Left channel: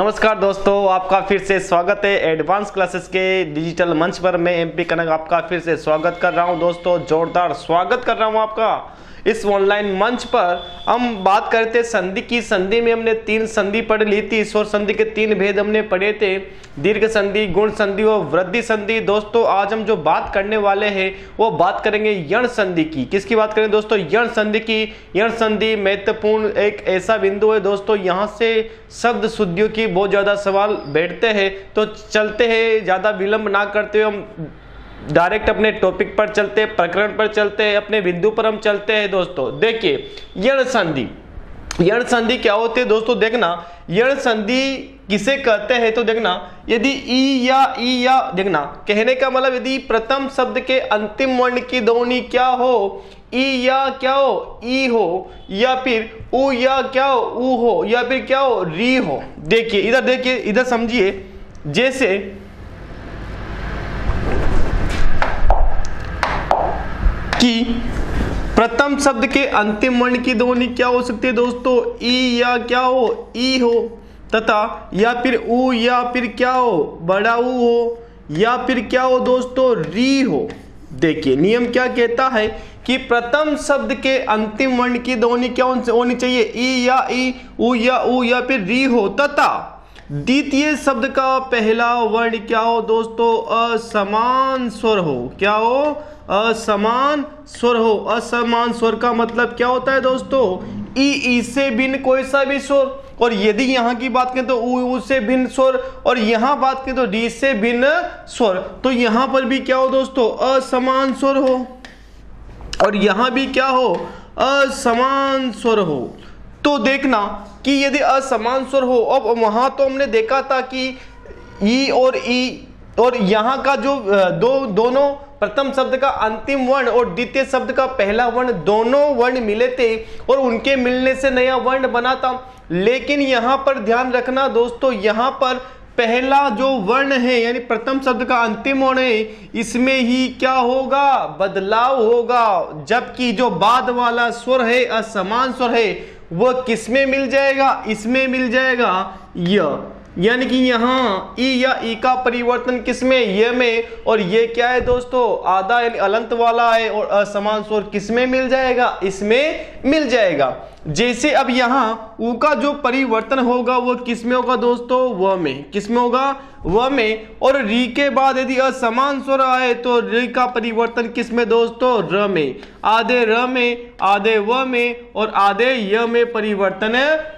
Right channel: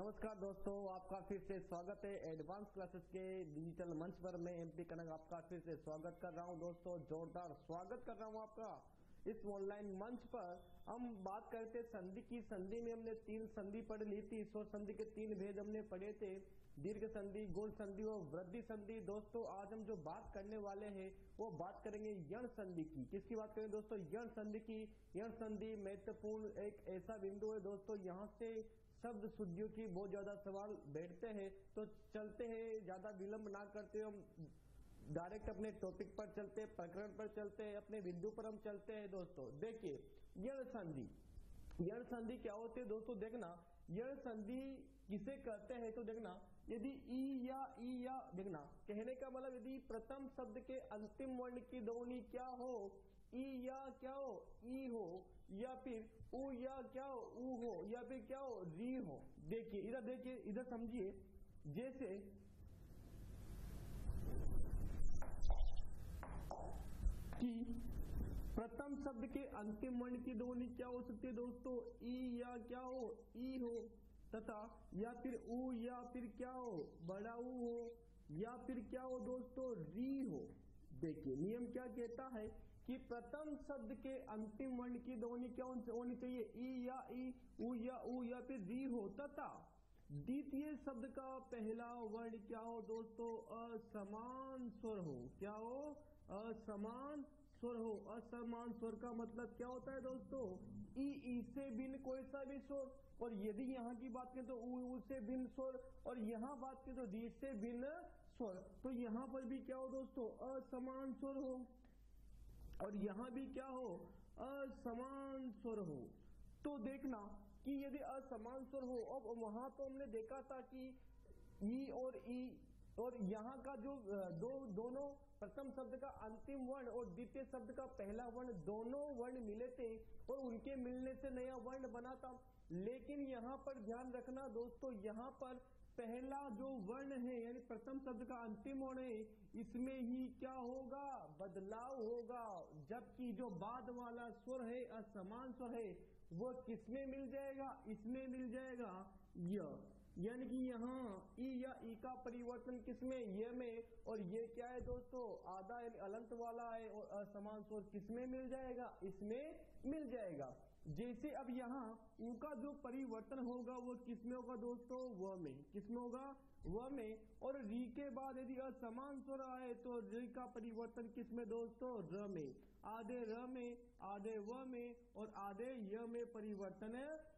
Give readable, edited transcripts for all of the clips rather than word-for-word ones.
नमस्कार दोस्तों, आपका फिर से स्वागत है एडवांस क्लासेस के डिजिटल मंच पर। मैं एमपी कनक आपका फिर से स्वागत कर रहा हूं दोस्तों, जोरदार स्वागत कर रहा हूं आपका इस ऑनलाइन मंच पर। हम बात करते संधि की। संधि में हमने 3 संधि पढ़ ली थी। स्वर संधि के 3 भेद हमने पढ़े थे, दीर्घ संधि, गुण संधि और वृद्धि संधि। दोस्तों आज हम जो बात करने वाले हैं वो बात करेंगे यण संधि की। किसकी बात करें दोस्तों? यण संधि की। यण संधि महत्वपूर्ण एक ऐसा बिंदु है दोस्तों, यहाँ से शब्द शुद्धियों की बहुत ज्यादा सवाल बैठते हैं। तो चलते हैं, ज्यादा विलंब ना करते हुए हम डायरेक्ट अपने टॉपिक पर चलते हैं, प्रकरण पर चलते हैं, अपने बिंदु पर हम चलते हैं दोस्तों। देखिए यण संधि। यण संधि क्या होती है दोस्तों? देखना, यण संधि किसे कहते हैं तो देखना, यदि ई या देखना, कहने का मतलब यदि प्रथम शब्द के अंतिम वर्ण की ध्वनि क्या हो, ई या क्या हो, ई हो, या फिर उ या क्या हो, उ हो, या फिर क्या हो, री हो। देखिए इधर, देखिए इधर समझिए। जैसे कि प्रथम शब्द के अंतिम वर्ण की ध्वनि क्या हो सकती है दोस्तों? ई या क्या हो, ई हो, तथा या फिर उ या फिर क्या हो, बड़ा उ हो, या फिर क्या हो दोस्तों, री हो। देखिए नियम क्या कहता है कि प्रथम शब्द के अंतिम वर्ण की ध्वनि क्या होनी चाहिए? ई या ई, उ या फिर री हो, तथा द्वितीय शब्द का पहला वर्ण क्या हो दोस्तों? असमान स्वर हो। क्या हो? असमान स्वर हो। असमान स्वर का मतलब क्या होता है दोस्तों? ई से भिन्न कोई सा भी स्वर, और यदि यहाँ की बात करें तो उ से भिन्न स्वर, और यहाँ बात करें तो डी से भिन्न स्वर। तो यहाँ पर भी क्या हो दोस्तों? असमान स्वर हो, और यहाँ भी क्या हो? असमान स्वर हो। तो देखना कि यदि असमान स्वर हो, अब वहां तो हमने देखा था कि ई और यहाँ का जो दोनों प्रथम शब्द का अंतिम वर्ण और द्वितीय शब्द का पहला वर्ण, दोनों वर्ण मिले थे और उनके मिलने से नया वर्ण बना था। लेकिन यहाँ पर ध्यान रखना दोस्तों, यहाँ पर पहला जो वर्ण है यानी प्रथम शब्द का अंतिम वर्ण है, इसमें ही क्या होगा? बदलाव होगा। जबकि जो बाद वाला स्वर है, असमान स्वर है, वह किसमें मिल जाएगा? इसमें मिल जाएगा, य। यानी कि यहाँ ई या ई का परिवर्तन किसमें? य में। और ये क्या है दोस्तों? आधा यानी अलंत वाला है, और असमान स्वर किसमें मिल जाएगा? इसमें मिल जाएगा। जैसे अब यहाँ उ का जो परिवर्तन होगा वो किसमें होगा दोस्तों? व में। किसमें होगा? व में। और री के बाद यदि असमान स्वर आए तो री का परिवर्तन किसमें दोस्तों? र में। आधे र में, आधे व में, और आधे य में परिवर्तन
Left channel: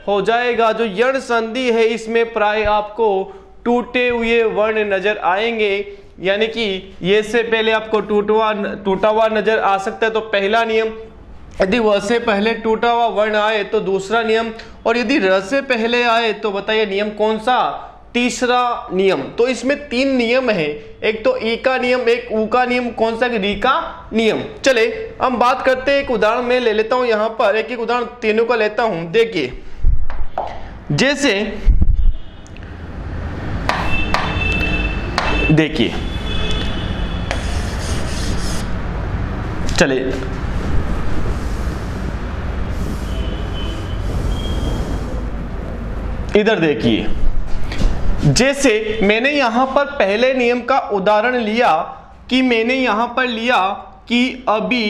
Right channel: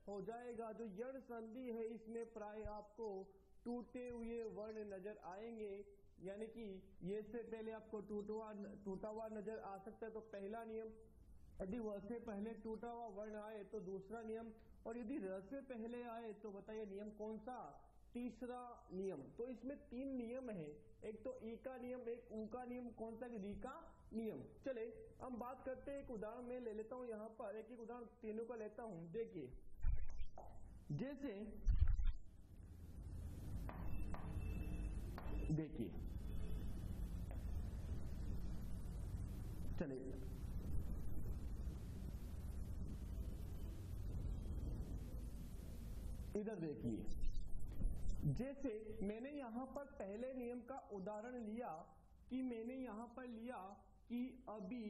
हो जाएगा। जो यण संधि है इसमें प्राय आपको टूटे हुए वर्ण नजर आएंगे, यानी कि ये से पहले आपको टूटा हुआ नजर आ सकता है। तो पहला नियम, यदि व से पहले टूटा हुआ वर्ण आए तो दूसरा नियम, और यदि र से पहले आए तो बताइए नियम कौन सा? तीसरा नियम। तो इसमें 3 नियम है, एक तो ई का नियम, एक उ का नियम, कौन सा? री का नियम। चले हम बात करते हैं, एक उदाहरण में ले लेता हूं, यहाँ पर एक उदाहरण तीनों का लेता हूं। देखिए जैसे, देखिए चले इधर देखिए, जैसे मैंने यहां पर पहले नियम का उदाहरण लिया कि मैंने यहां पर लिया कि अभी,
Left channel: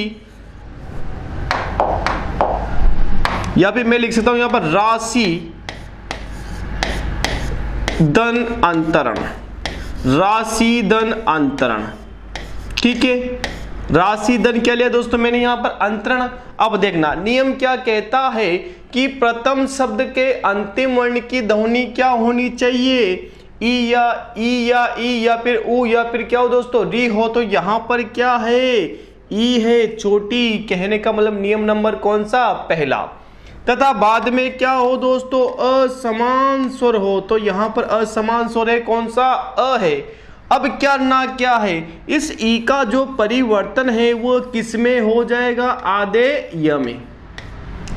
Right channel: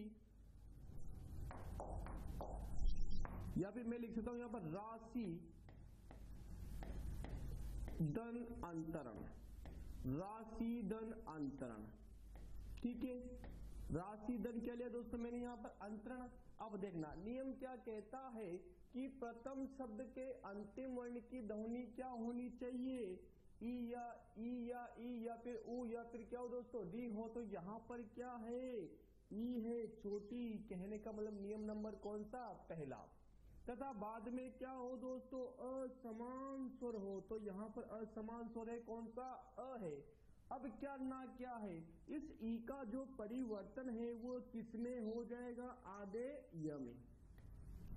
या फिर मैं लिख सकता हूं यहां पर राशि धन अंतरण। राशि धन अंतरण, ठीक है। राशि धन क्या लिया दोस्तों मैंने यहां पर? अंतरण। अब देखना नियम क्या कहता है कि प्रथम शब्द के अंतिम वर्ण की ध्वनि क्या होनी चाहिए? ई या फिर उ, या फिर क्या हो दोस्तों? री हो। तो यहां पर क्या है? ई है, चोटी। कहने का मतलब नियम नंबर कौन सा? पहला। तथा बाद में क्या हो दोस्तों? असमान स्वर हो। तो यहां पर असमान स्वर है, कौन सा? अ है। अब क्या ना क्या है? इस ई का जो परिवर्तन है वो किसमें हो जाएगा? आधे य में।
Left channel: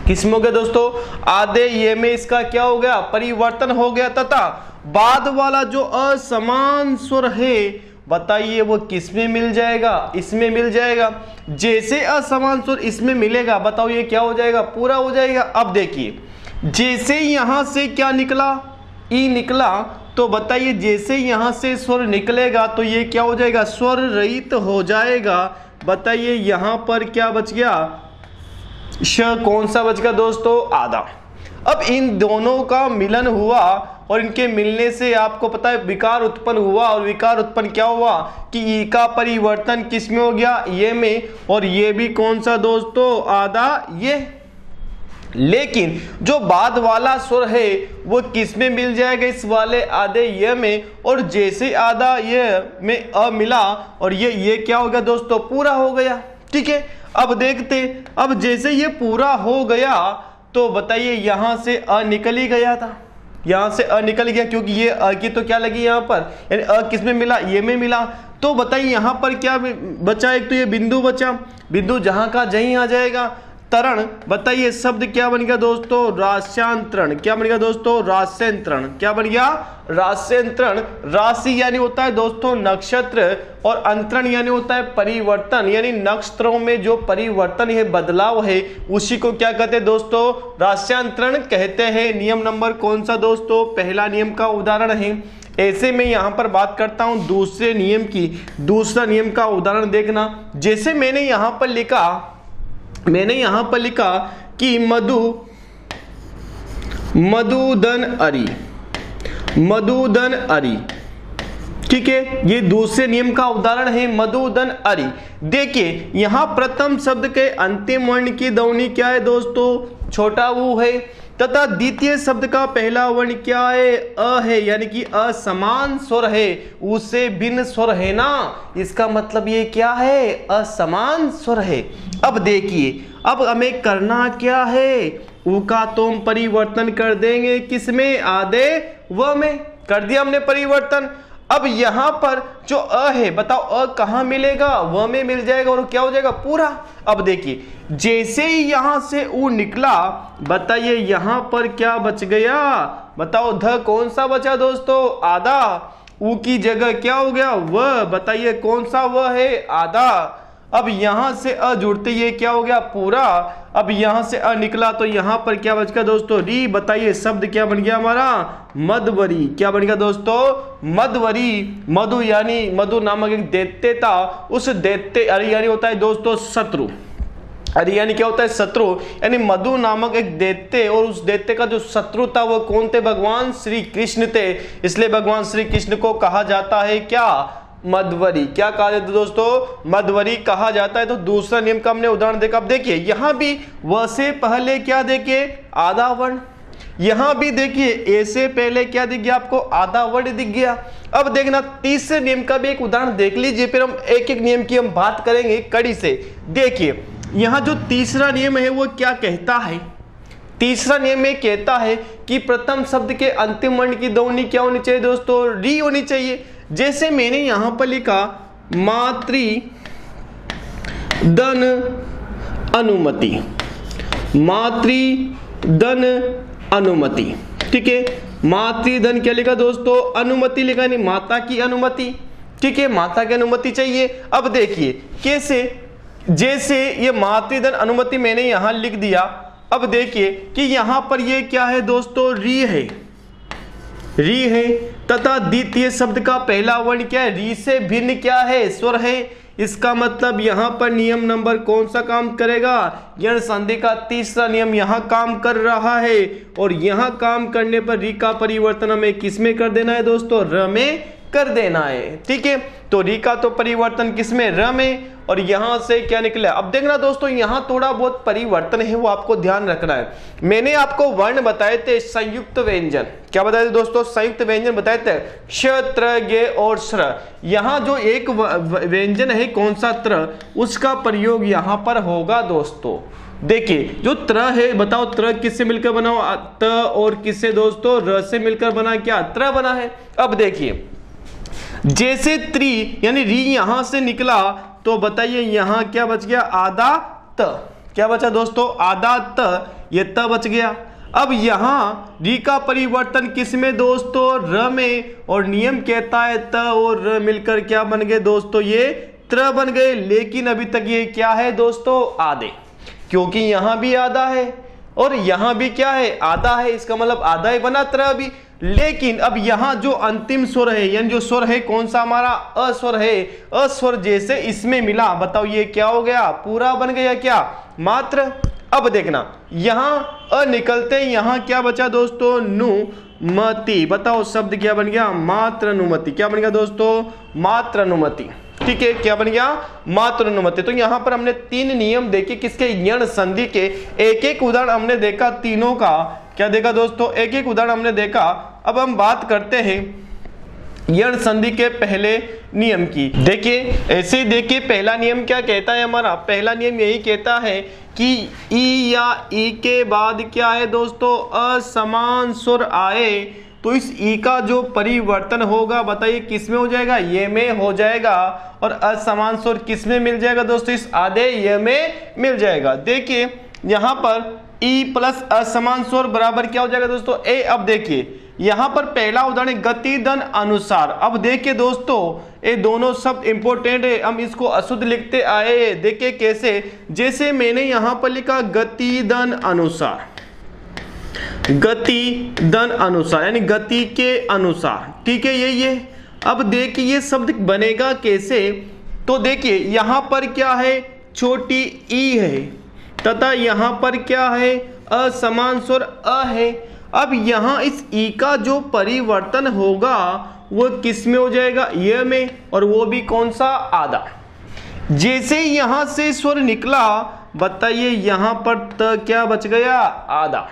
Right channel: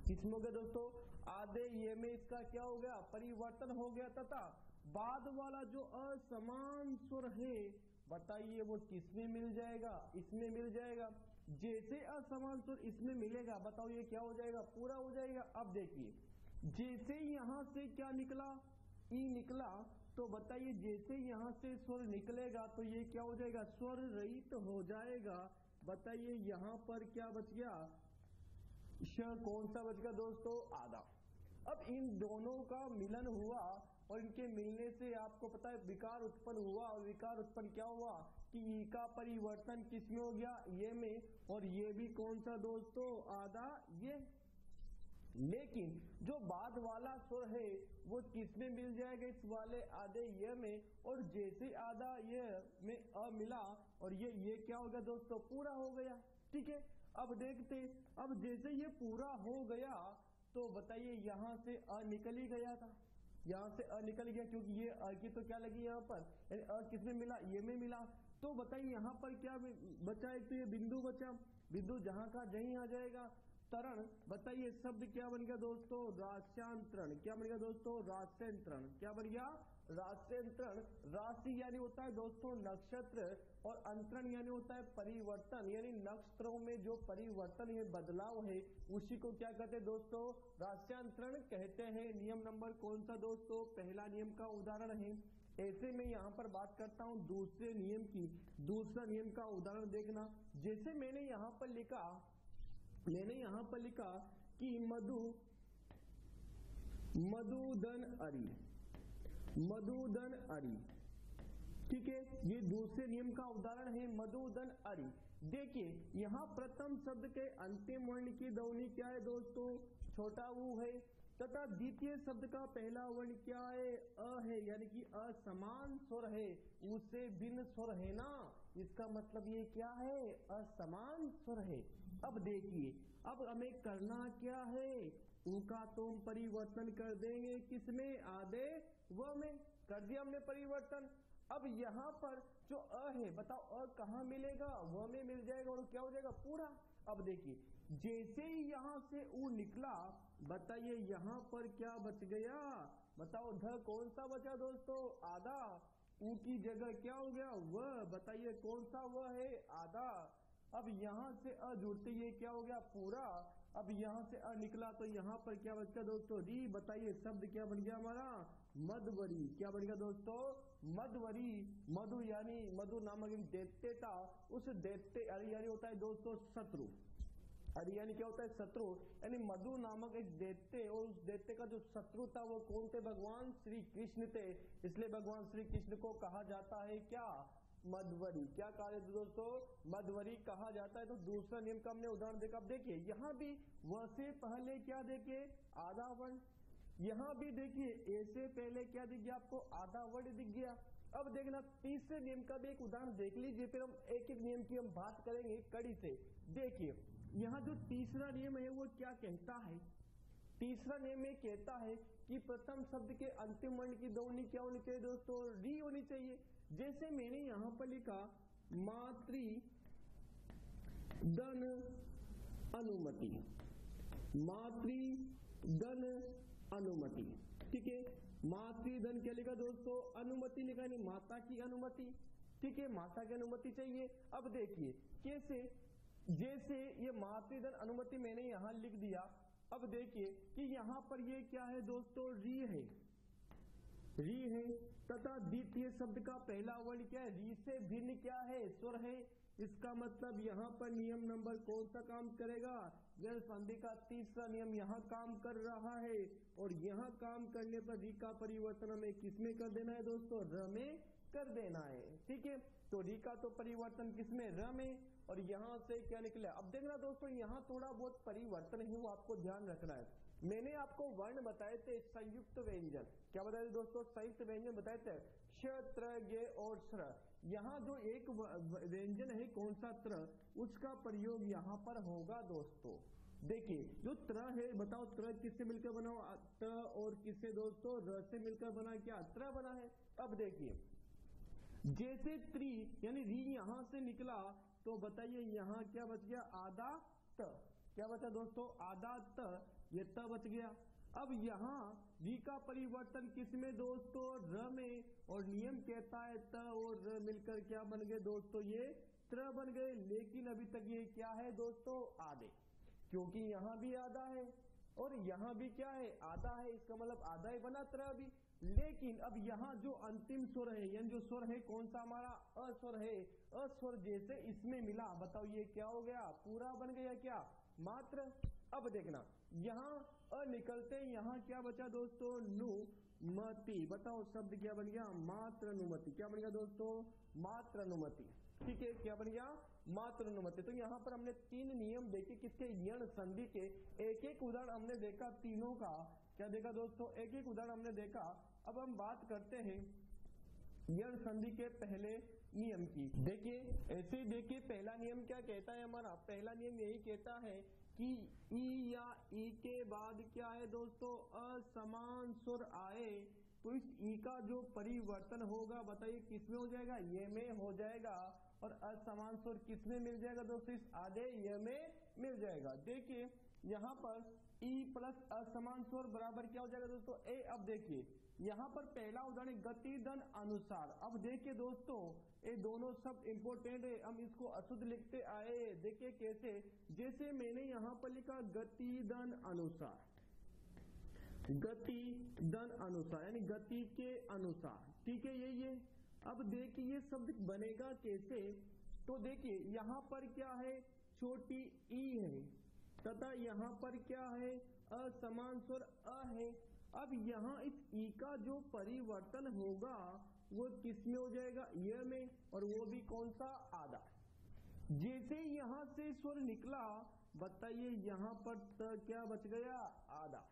किसमें हो गया दोस्तों? आधे ये में इसका क्या हो गया? परिवर्तन हो गया। तथा बाद वाला जो असमान स्वर है बताइए वो किस में मिल जाएगा? इसमें मिल जाएगा। जैसे असमान स्वर इसमें मिलेगा, बताओ ये क्या हो जाएगा? पूरा हो जाएगा। अब देखिए जैसे यहां से क्या निकला, ई निकला, तो बताइए जैसे यहां से स्वर निकलेगा तो ये क्या हो जाएगा, स्वर रहित हो जाएगा। बताइए यहां पर क्या बच गया, श कौन सा बच गया दोस्तों, आधा। अब इन दोनों का मिलन हुआ और इनके मिलने से आपको पता है विकार उत्पन्न हुआ, और विकार उत्पन्न क्या हुआ कि ई का परिवर्तन किस में हो गया, ये में, और ये भी कौन सा दोस्तों, आधा ये। लेकिन जो बाद वाला स्वर है वो किस में मिल जाएगा, इस वाले आधे ये में, और जैसे आधा ये में अ मिला और ये क्या हो गया दोस्तों, पूरा हो गया। ठीक है, अब देखते, अब जैसे ये पूरा हो गया तो बताइए यहां से अ निकल ही गया था, यहां से अ निकल गया, क्योंकि ये अ की तो क्या लगी यहां पर, यानी अ किस में मिला, ये में मिला। तो बताइए यहां पर क्या बचा, एक तो ये बिंदु बचा, बिंदु जहां का जहीं आ जाएगा। तरण, बताइए शब्द क्या बन गया दोस्तों, रास्यांतरण। क्या बन गया दोस्तों, रास्यांतरण। क्या बन गया, रास्यांतरण। राशि यानी होता है दोस्तों नक्षत्र, और अंतरण यानी होता है परिवर्तन, यानी नक्षत्रों में जो परिवर्तन है, बदलाव है, उसी को क्या कहते हैं दोस्तों, रास्यांतरण कहते हैं। नियम नंबर कौन सा दोस्तों, पहला नियम का उदाहरण है। ऐसे में यहां पर बात करता हूं दूसरे नियम की, दूसरा नियम का उदाहरण देखना। जैसे मैंने यहां पर लिखा कि मधुदन अरी। ठीक है, ये दूसरे नियम का उदाहरण है, मधुदन अरी। देखिए यहां प्रथम शब्द के अंतिम वर्ण की ध्वनि क्या है दोस्तों, छोटा ऊ है, तथा द्वितीय शब्द का पहला वर्ण क्या है, अ है, यानी कि असमान स्वर है, उससे भिन्न स्वर है ना, इसका मतलब ये क्या है, असमान स्वर है। अब देखिए, अब हमें करना क्या है, ऊ का तो हम परिवर्तन कर देंगे किसमें, आधे व में, कर दिया हमने परिवर्तन। अब यहां पर जो अ है, बताओ अ कहां मिलेगा, व में मिल जाएगा, और क्या हो जाएगा, पूरा। अब देखिए जैसे ही यहां से ऊ निकला, बताइए यहां पर क्या बच गया, बताओ ध कौन सा बचा दोस्तों, आधा। ऊ की जगह क्या हो गया, व। बताइए कौन सा व है, आधा। अब यहां से अ जुड़ते ये क्या हो गया, पूरा। अब यहां से अ निकला तो यहां पर क्या बच गया दोस्तों, री। बताइए शब्द क्या बन गया हमारा, मधवरी। क्या बन गया दोस्तों, मधवरी। मधु यानी मधु नामक एक दैत्य था, उस दैत्य, अरे यानी होता है दोस्तों शत्रु, अरे यानी क्या होता है, शत्रु, यानी मधु नामक एक दैत्य, और उस दैत्य का जो शत्रु था वो कौन थे, भगवान श्री कृष्ण थे, इसलिए भगवान श्री कृष्ण को कहा जाता है क्या, मधवरी। क्या कहा जाता है दोस्तों, मधवरी कहा जाता है। तो दूसरा नियम का हमने उदाहरण देखा। अब देखिए यहां भी व से पहले क्या देखिए, आधा वर्ण, यहां भी देखिए ए से पहले क्या दिख गया आपको, आधा वर्ण दिख गया। अब देखना तीसरे नियम का भी एक उदाहरण देख लीजिए, फिर हम एक एक नियम की हम बात करेंगे कड़ी से। देखिए यहां जो तीसरा नियम है वो क्या कहता है, तीसरा नियम में कहता है कि प्रथम शब्द के अंतिम वर्ण की ध्वनि क्या होनी चाहिए दोस्तों, री होनी चाहिए। जैसे मैंने यहां पर लिखा मातृदन अनुमति, मातृदन अनुमति। ठीक है, मातृदन क्या लिखा दोस्तों, अनुमति लिखा, नहीं माता की अनुमति। ठीक है, माता की अनुमति चाहिए। अब देखिए कैसे, जैसे ये मातृदन अनुमति मैंने यहां लिख दिया। अब देखिए कि यहां पर ये क्या है दोस्तों, री है, री है, तथा द्वितीय शब्द का पहला वर्ण क्या है, री से भिन्न क्या है, स्वर है। इसका मतलब यहां पर नियम नंबर कौन सा काम करेगा, यण संधि का तीसरा नियम यहां काम कर रहा है, और यहां काम करने पर री का परिवर्तन हमें किस में कर देना है दोस्तों, र में कर देना है। ठीक है, तो री का तो परिवर्तन किसमें, र में, और यहां से क्या निकला। अब देखना दोस्तों यहां थोड़ा बहुत परिवर्तन है, वो आपको ध्यान रखना है। मैंने आपको वर्ण बताए थे संयुक्त व्यंजन, क्या बताए थे दोस्तों, संयुक्त व्यंजन बताए थे, क्ष, त्र, गे और श्र। यहां जो एक व्यंजन है कौन सा, त्र, उसका प्रयोग यहां पर होगा दोस्तों। देखिए जो त्र है, बताओ त्र किससे मिलकर बना, त और किससे दोस्तों, र से मिलकर बना, क्या त्र बना है। अब देखिए जैसे त्रि यानी री यहां से निकला, तो बताइए यहां क्या बच गया, आधा त। क्या बचा दोस्तों, आधा त, ये त बच गया। अब यहां री का परिवर्तन किस में दोस्तों, र में, और नियम कहता है त और र मिलकर क्या बन गए दोस्तों, ये त्र बन गए। लेकिन अभी तक ये क्या है दोस्तों, आधे, क्योंकि यहां भी आधा है और यहां भी क्या है, आधा है, इसका मतलब आधा ही बना त्र भी। लेकिन अब यहाँ जो अंतिम स्वर है यानी जो स्वर है कौन सा हमारा अस्वर है, अस्वर जैसे इसमें मिला, बताओ ये क्या हो गया, पूरा बन गया क्या, मात्र। अब देखना यहाँ अ निकलते यहाँ क्या बचा दोस्तों, नुमति, बताओ शब्द क्या बन गया, मात्र अनुमति। क्या बन गया दोस्तों, मात्र अनुमति। ठीक है, क्या बन गया, मात्र अनुमति। तो यहाँ पर हमने 3 नियम देखे किसके, यण संधि के। एक एक उदाहरण हमने देखा तीनों का, क्या देखा दोस्तों, एक एक उदाहरण हमने देखा। अब हम बात करते हैं यण संधि के पहले नियम की। देखिए ऐसे ही देखिए, पहला नियम क्या कहता है हमारा, पहला नियम यही कहता है कि ई या ई के बाद क्या है दोस्तों, असमान स्वर आए तो इस ई का जो परिवर्तन होगा, बताइए किस में हो जाएगा, ये में हो जाएगा, और असमान स्वर किस में मिल जाएगा दोस्तों, इस आधे ये में मिल जाएगा। देखिए यहाँ पर ई प्लस असमान स्वर बराबर क्या हो जाएगा दोस्तों, ए। अब देखिए यहाँ पर पहला उदाहरण गति दन अनुसार। अब देखिए दोस्तों ये दोनों शब्द इंपॉर्टेंट है, हम इसको अशुद्ध लिखते आए। देखिए कैसे, जैसे मैंने यहाँ पर लिखा गति दन अनुसार, गति दन अनुसार यानी गति के अनुसार, ठीक है ये। अब देखिए ये शब्द बनेगा कैसे, तो देखिए यहाँ पर क्या है, छोटी ई है तथा यहाँ पर क्या है, असमान स्वर अ है। अब यहाँ इस ई का जो परिवर्तन होगा वो किस में हो जाएगा, ये में, और वो भी कौन सा, आधा। जैसे यहां से स्वर निकला, बताइए यहां पर त क्या बच गया, आधा।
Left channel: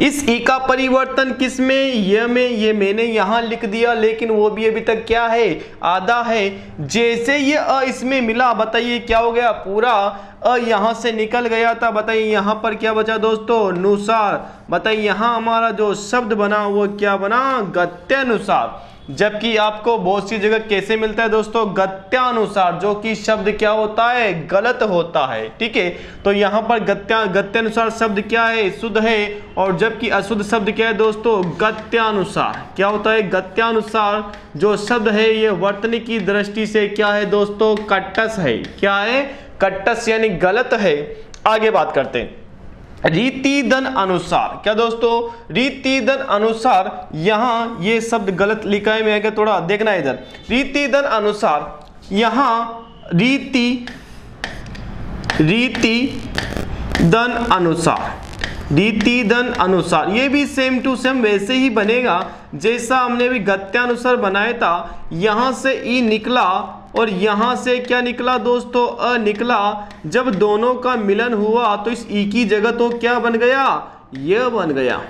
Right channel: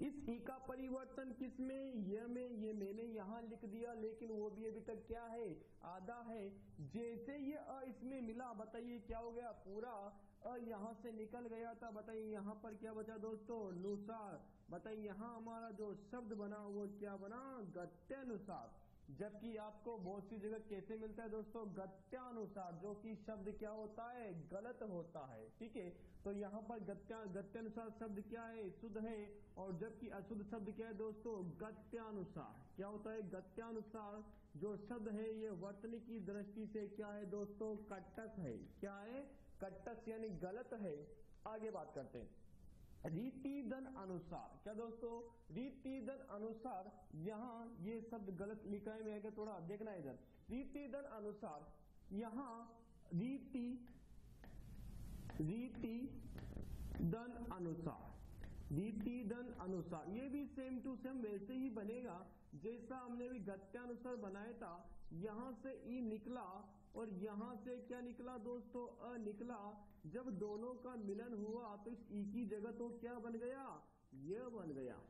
इस ई का परिवर्तन किस में, ये में, ये मैंने यहां लिख दिया, लेकिन वो भी अभी तक क्या है, आधा है। जैसे ये अ इसमें मिला, बताइए क्या हो गया, पूरा अ यहां से निकल गया था। बताइए यहां पर क्या बचा दोस्तों, नुसार। बताइए यहां हमारा जो शब्द बना वो क्या बना, गत्यानुसार। जबकि आपको बहुत सी जगह कैसे मिलता है दोस्तों, गत्यानुसार, जो कि शब्द क्या होता है, गलत होता है। ठीक है, तो यहाँ पर गत्यानुसार शब्द क्या है, शुद्ध है, और जबकि अशुद्ध शब्द क्या है दोस्तों, गत्यानुसार। क्या होता है, गत्यानुसार जो शब्द है ये वर्तनी की दृष्टि से क्या है दोस्तों, कट्टस है। क्या है, कट्टस यानी गलत है। आगे बात करते हैं रीति दन अनुसार। क्या दोस्तों, रीति दन अनुसार, यहां ये शब्द गलत लिखा है, मैं थोड़ा देखना इधर। रीति दन अनुसार, यहां रीति दन अनुसार, रीति दन अनुसार, ये भी सेम टू सेम वैसे ही बनेगा जैसा हमने भी गत्यानुसार बनाया था। यहां से ई निकला और यहां से क्या निकला दोस्तों, अ निकला। जब दोनों का मिलन हुआ तो इस ई की जगह तो क्या बन गया, यह बन गया,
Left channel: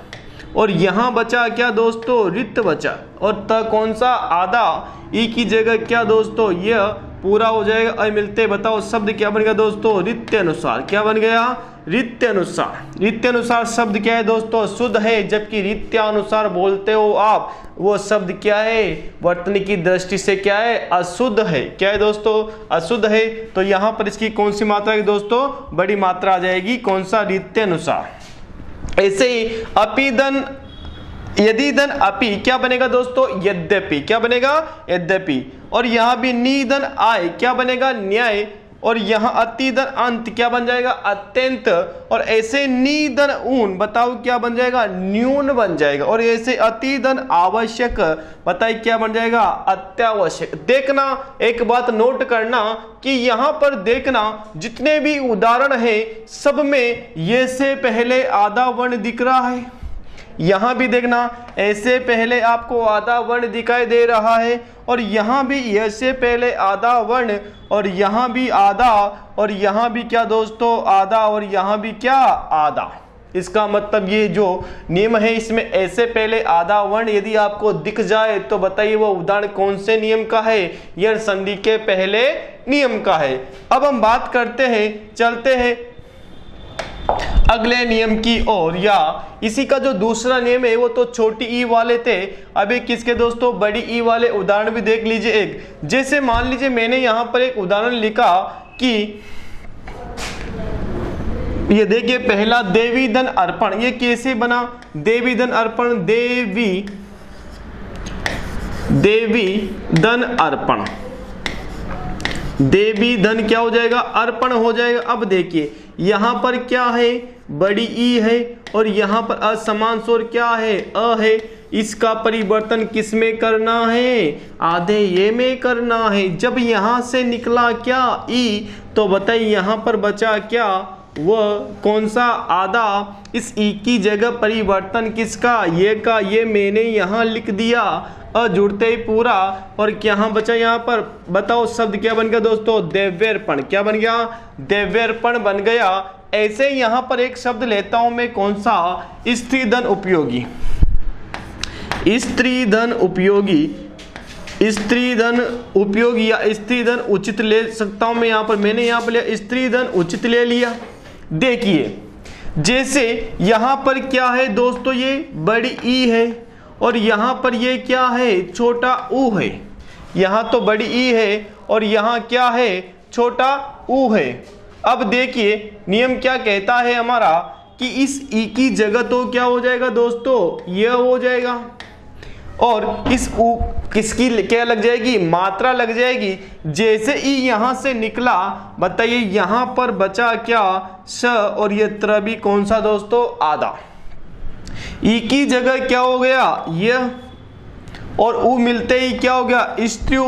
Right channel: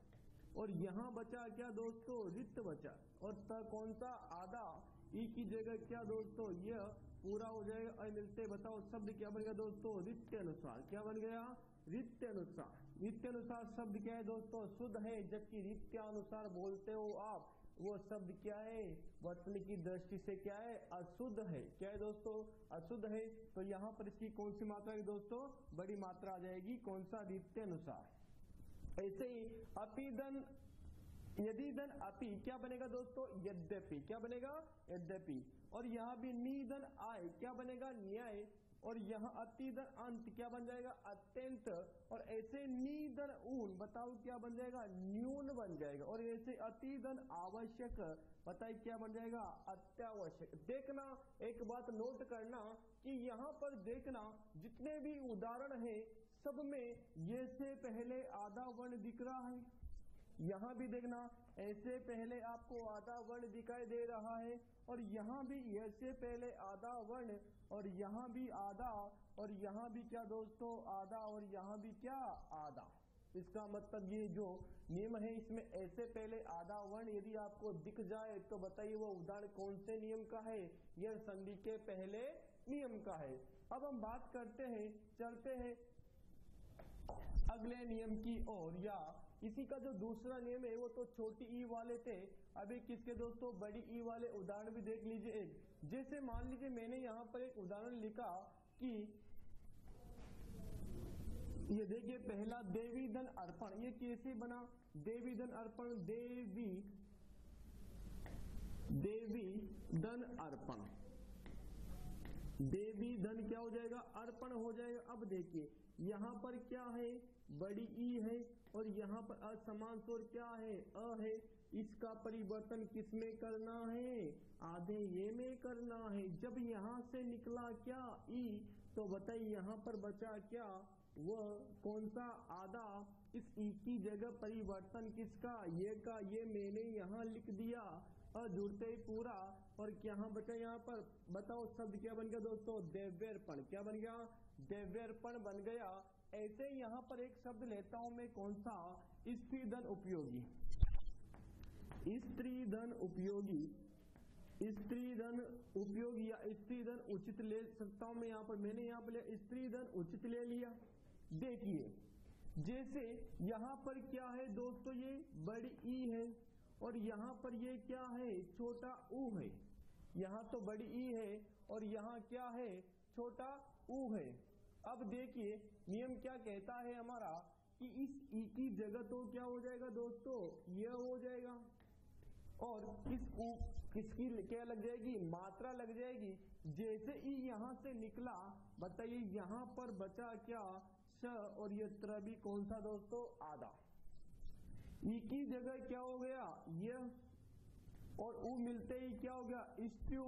और यहां बचा क्या दोस्तों, रित बचा, और त कौन सा, आधा। ई की जगह क्या दोस्तों, यह पूरा हो जाएगा, अ मिलते। बताओ शब्द क्या बन गया दोस्तों, रित्यानुसार। क्या बन गया, रित्यानुसार। रित्यानुसार शब्द क्या है दोस्तों, शुद्ध है, जबकि रित्यानुसार बोलते हो आप, वो शब्द क्या है, वर्तनी की दृष्टि से क्या है, अशुद्ध है। क्या है दोस्तों, अशुद्ध है। तो यहां पर इसकी कौन सी मात्रा है दोस्तों, बड़ी मात्रा आ जाएगी, कौन सा, रित्यानुसार। ऐसे ही अपिदन, यदि दन अपि क्या बनेगा दोस्तों, यद्यपि। क्या बनेगा, यद्यपि। और यहां भी निदन आय क्या बनेगा, न्याय। और यहाँ अतिदन अंत क्या बन जाएगा, अत्यंत। और ऐसे निदन ऊन, बताओ क्या बन जाएगा, न्यून बन जाएगा। और ऐसे अतिदन आवश्यक, बताइए क्या बन जाएगा, अत्यावश्यक। देखना, एक बात नोट करना कि यहाँ पर देखना जितने भी उदाहरण हैं सब में ये से पहले आधा वर्ण दिख रहा है। यहां भी देखना ऐसे पहले आपको आधा वर्ण दिखाई दे रहा है, और यहां भी ऐसे पहले आधा वर्ण, और यहां भी आधा, और यहां भी क्या दोस्तों, आधा, और यहां भी क्या, आधा। इसका मतलब ये जो नियम है इसमें ऐसे पहले आधा वर्ण यदि आपको दिख जाए तो बताइए वो उदाहरण कौन से नियम का है, यह संधि के पहले नियम का है। अब हम बात करते हैं, चलते हैं अगले नियम की ओर, या इसी का जो दूसरा नियम है वो तो छोटी ई वाले थे। अभी किसके दोस्तों, बड़ी ई वाले उदाहरण भी देख लीजिए। एक जैसे मान लीजिए मैंने यहां पर एक उदाहरण लिखा कि ये देखिए पहला देवी धन अर्पण, ये कैसे बना, देवी धन अर्पण, देवी धन अर्पण, देवी धन क्या हो जाएगा, अर्पण हो जाएगा। अब देखिए यहां पर क्या है, बड़ी ई है, और यहां पर असमान स्वर क्या है, अ है। इसका परिवर्तन किस में करना है, आधे ये में करना है। जब यहां से निकला क्या ई, तो बताइए यहां पर बचा क्या, वह कौन सा आधा। इस ई की जगह परिवर्तन किसका, ये का, ये मैंने यहां लिख दिया जुड़ते ही पूरा। और क्या बचा यहाँ पर, बताओ शब्द क्या बन गया दोस्तों, देव्यर्पण। क्या बन गया, देव्यर्पण बन गया। ऐसे यहाँ पर एक शब्द लेता हूं मैं, कौन सा, स्त्रीधन उपयोगी। स्त्रीधन उपयोगी, स्त्रीधन उपयोगी या स्त्रीधन उचित ले सकता हूं मैं। यहाँ पर मैंने यहाँ पर लिया स्त्रीधन उचित ले लिया। देखिए जैसे यहाँ पर क्या है दोस्तों, ये बड़ी ई है और यहाँ पर ये क्या है, छोटा ऊ है। यहाँ तो बड़ी ई है और यहाँ क्या है, छोटा ऊ है। अब देखिए नियम क्या कहता है हमारा कि इस ई की जगह तो क्या हो जाएगा दोस्तों, यह हो जाएगा। और इस ऊ किसकी क्या लग जाएगी, मात्रा लग जाएगी। जैसे ई यहां से निकला, बताइए यहां पर बचा क्या, स, और ये त्र भी कौन सा दोस्तों, आधा। ई की जगह क्या हो गया, यह, और ऊ मिलते ही क्या हो गया, स्त्रीउ,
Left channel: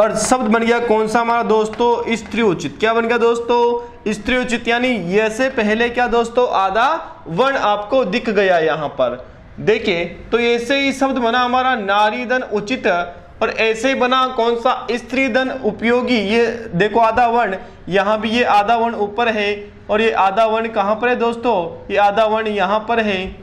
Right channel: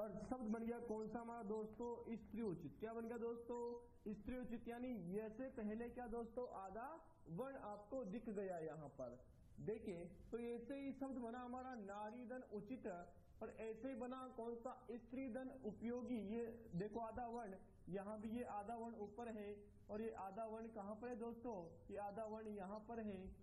और शब्द बन गया कौन सा हमारा दोस्तों, स्त्रीउचित। क्या बन गया दोस्तों, स्त्रीउचित। यानी ये से पहले क्या दोस्तों, आधा वर्ण आपको दिख गया यहाँ पर। देखिए तो ऐसे ही शब्द बना हमारा नारीधन उचित, और ऐसे ही बना कौन सा, स्त्रीधन उपयोगी। ये देखो आधा वर्ण, यहाँ भी ये आधा वर्ण ऊपर है और ये आधा वर्ण कहाँ पर है दोस्तों, ये आधा वर्ण यहाँ पर है,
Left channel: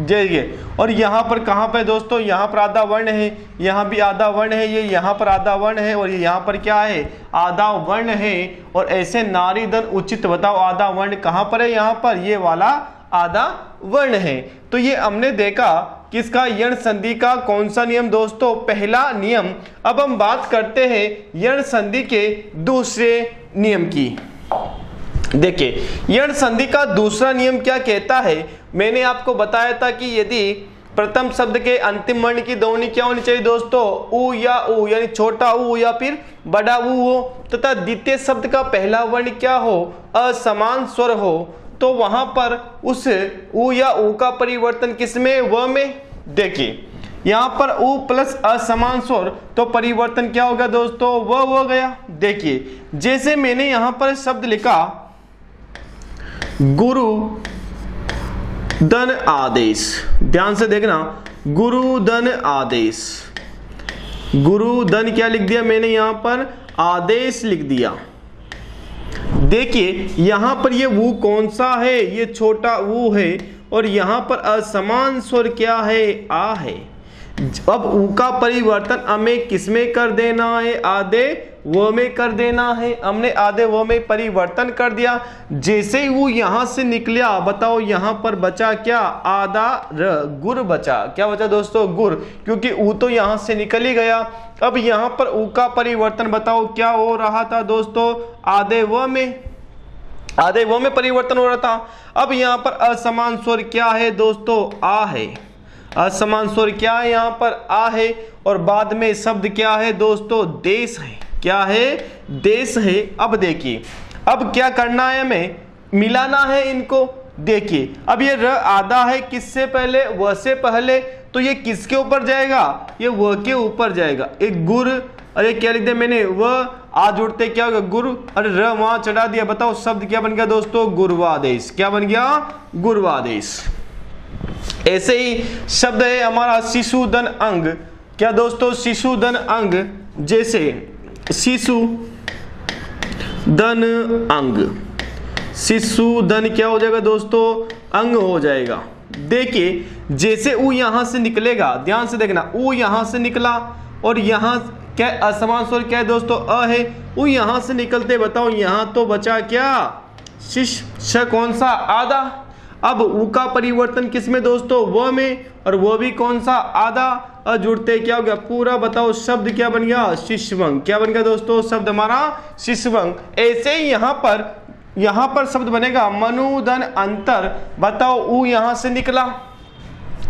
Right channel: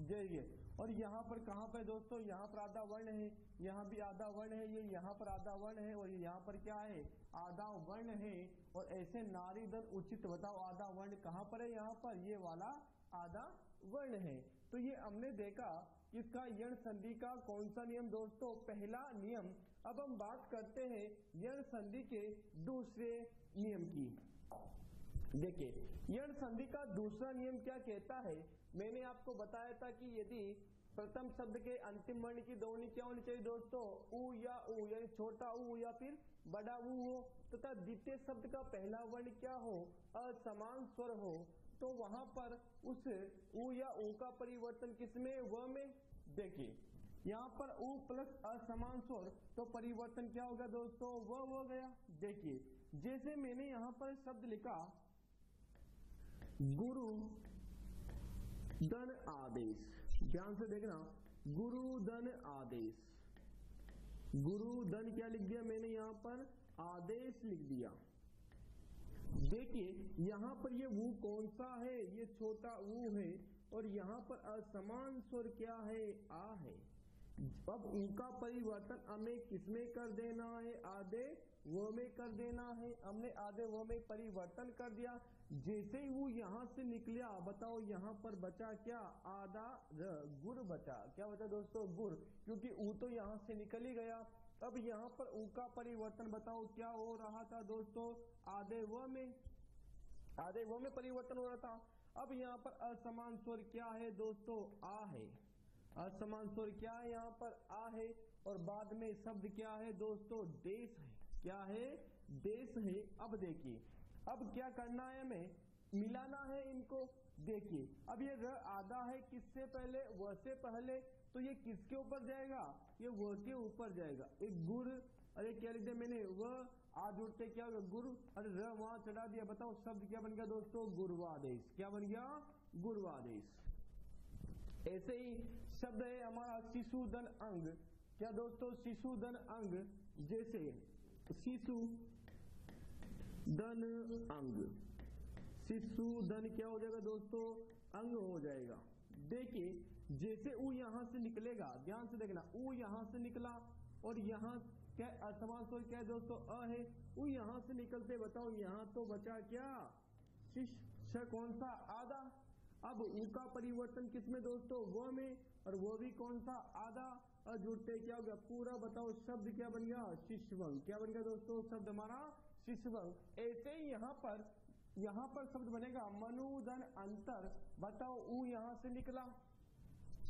जय। और यहाँ पर कहाँ पर दोस्तों, यहाँ पर आधा वर्ण है, यहाँ भी आधा वर्ण है, ये यहाँ पर आधा वर्ण है और ये यहाँ पर क्या है, आधा वर्ण है। और ऐसे नारीधन उचित, बताओ आधा वर्ण कहाँ पर है, यहाँ पर ये वाला आधा वर्ण है। तो ये हमने देखा किसका, यण संधि का कौन सा नियम दोस्तों, पहला नियम। अब हम बात करते हैं यण संधि के दूसरे नियम की। देखिए यण संधि का दूसरा नियम क्या कहता है, मैंने आपको बताया था कि यदि प्रथम शब्द के अंतिम वर्ण की ध्वनि क्या होनी चाहिए दोस्तों, ऊ या ऊ, यानी छोटा ऊ या फिर बड़ा ऊ हो, तथा द्वितीय शब्द का पहला वर्ण क्या हो, असमान स्वर हो, तो वहां पर उस ऊ या ऊ का परिवर्तन किसमें, व में। देखिए यहां पर ऊ प्लस असमान स्वर, तो परिवर्तन क्या होगा दोस्तों, व हो गया। देखिए जैसे मैंने यहां पर शब्द लिखा गुरु धन आदेश, ध्यान से देखना, गुरु धन आदेश, गुरु धन क्या लिख दिया मैंने यहां पर, आदेश लिख दिया। देखिए यहां पर ये वो कौन सा है, ये छोटा वो है, और यहां पर असमान स्वर क्या है, आ है। अब ऊ का परिवर्तन हमें किसमें कर देना है, आधे वो में कर देना है। हमने आधे वो में परिवर्तन कर दिया। जैसे ही वो यहां से निकला, बताओ यहां पर बचा क्या, आधा र, गुर बचा। क्या बचा दोस्तों, गुर, क्योंकि ऊ तो यहां से निकल ही गया। अब यहां पर ऊ का परिवर्तन बताओ क्या हो रहा था दोस्तों, आधे वो में, आधे वो में परिवर्तन हो रहा था। अब यहां पर असमान स्वर क्या है दोस्तों, आ है। असमान स्वर क्या है, यहां पर आ है, और बाद में शब्द क्या है दोस्तों, देश है। क्या है, देश है। अब देखिए अब क्या करना है, हमें मिलाना है इनको। देखिए अब ये र आधा है, किससे पहले, व से पहले, तो ये किसके ऊपर जाएगा, ये व के ऊपर जाएगा। एक गुर, अरे क्या लिख दिया मैंने, व आ जुड़ते क्या होगा, गुरु, अरे र वहां चढ़ा दिया। बताओ शब्द क्या बन गया दोस्तों, गुर्वादेश। क्या बन गया, गुर्वादेश। ऐसे ही शब्द है हमारा शिशुधन अंग। क्या दोस्तों, शिशुधन अंग, जैसे शिशु धन अंग, शिशुधन क्या हो जाएगा दोस्तों, अंग हो जाएगा। देखिए जैसे ऊ यहां से निकलेगा, ध्यान से देखना, ऊ यहां से निकला और यहां क्या असमान स्वर क्या है दोस्तों, अ है। ऊ यहां से निकलते, बताओ यहां तो बचा क्या, शिश, श कौन सा, आधा। अब ऊ का परिवर्तन किसमें दोस्तों, व में, और वो भी कौन सा, आधा। जुड़ते क्या हो गया पूरा, बताओ शब्द क्या बन गया, शिशवंग। क्या बन गया दोस्तों, शब्द हमारा शिशवंग। ऐसे ही यहां पर शब्द बनेगा मनुधन अंतर। बताओ ऊ यहां से निकला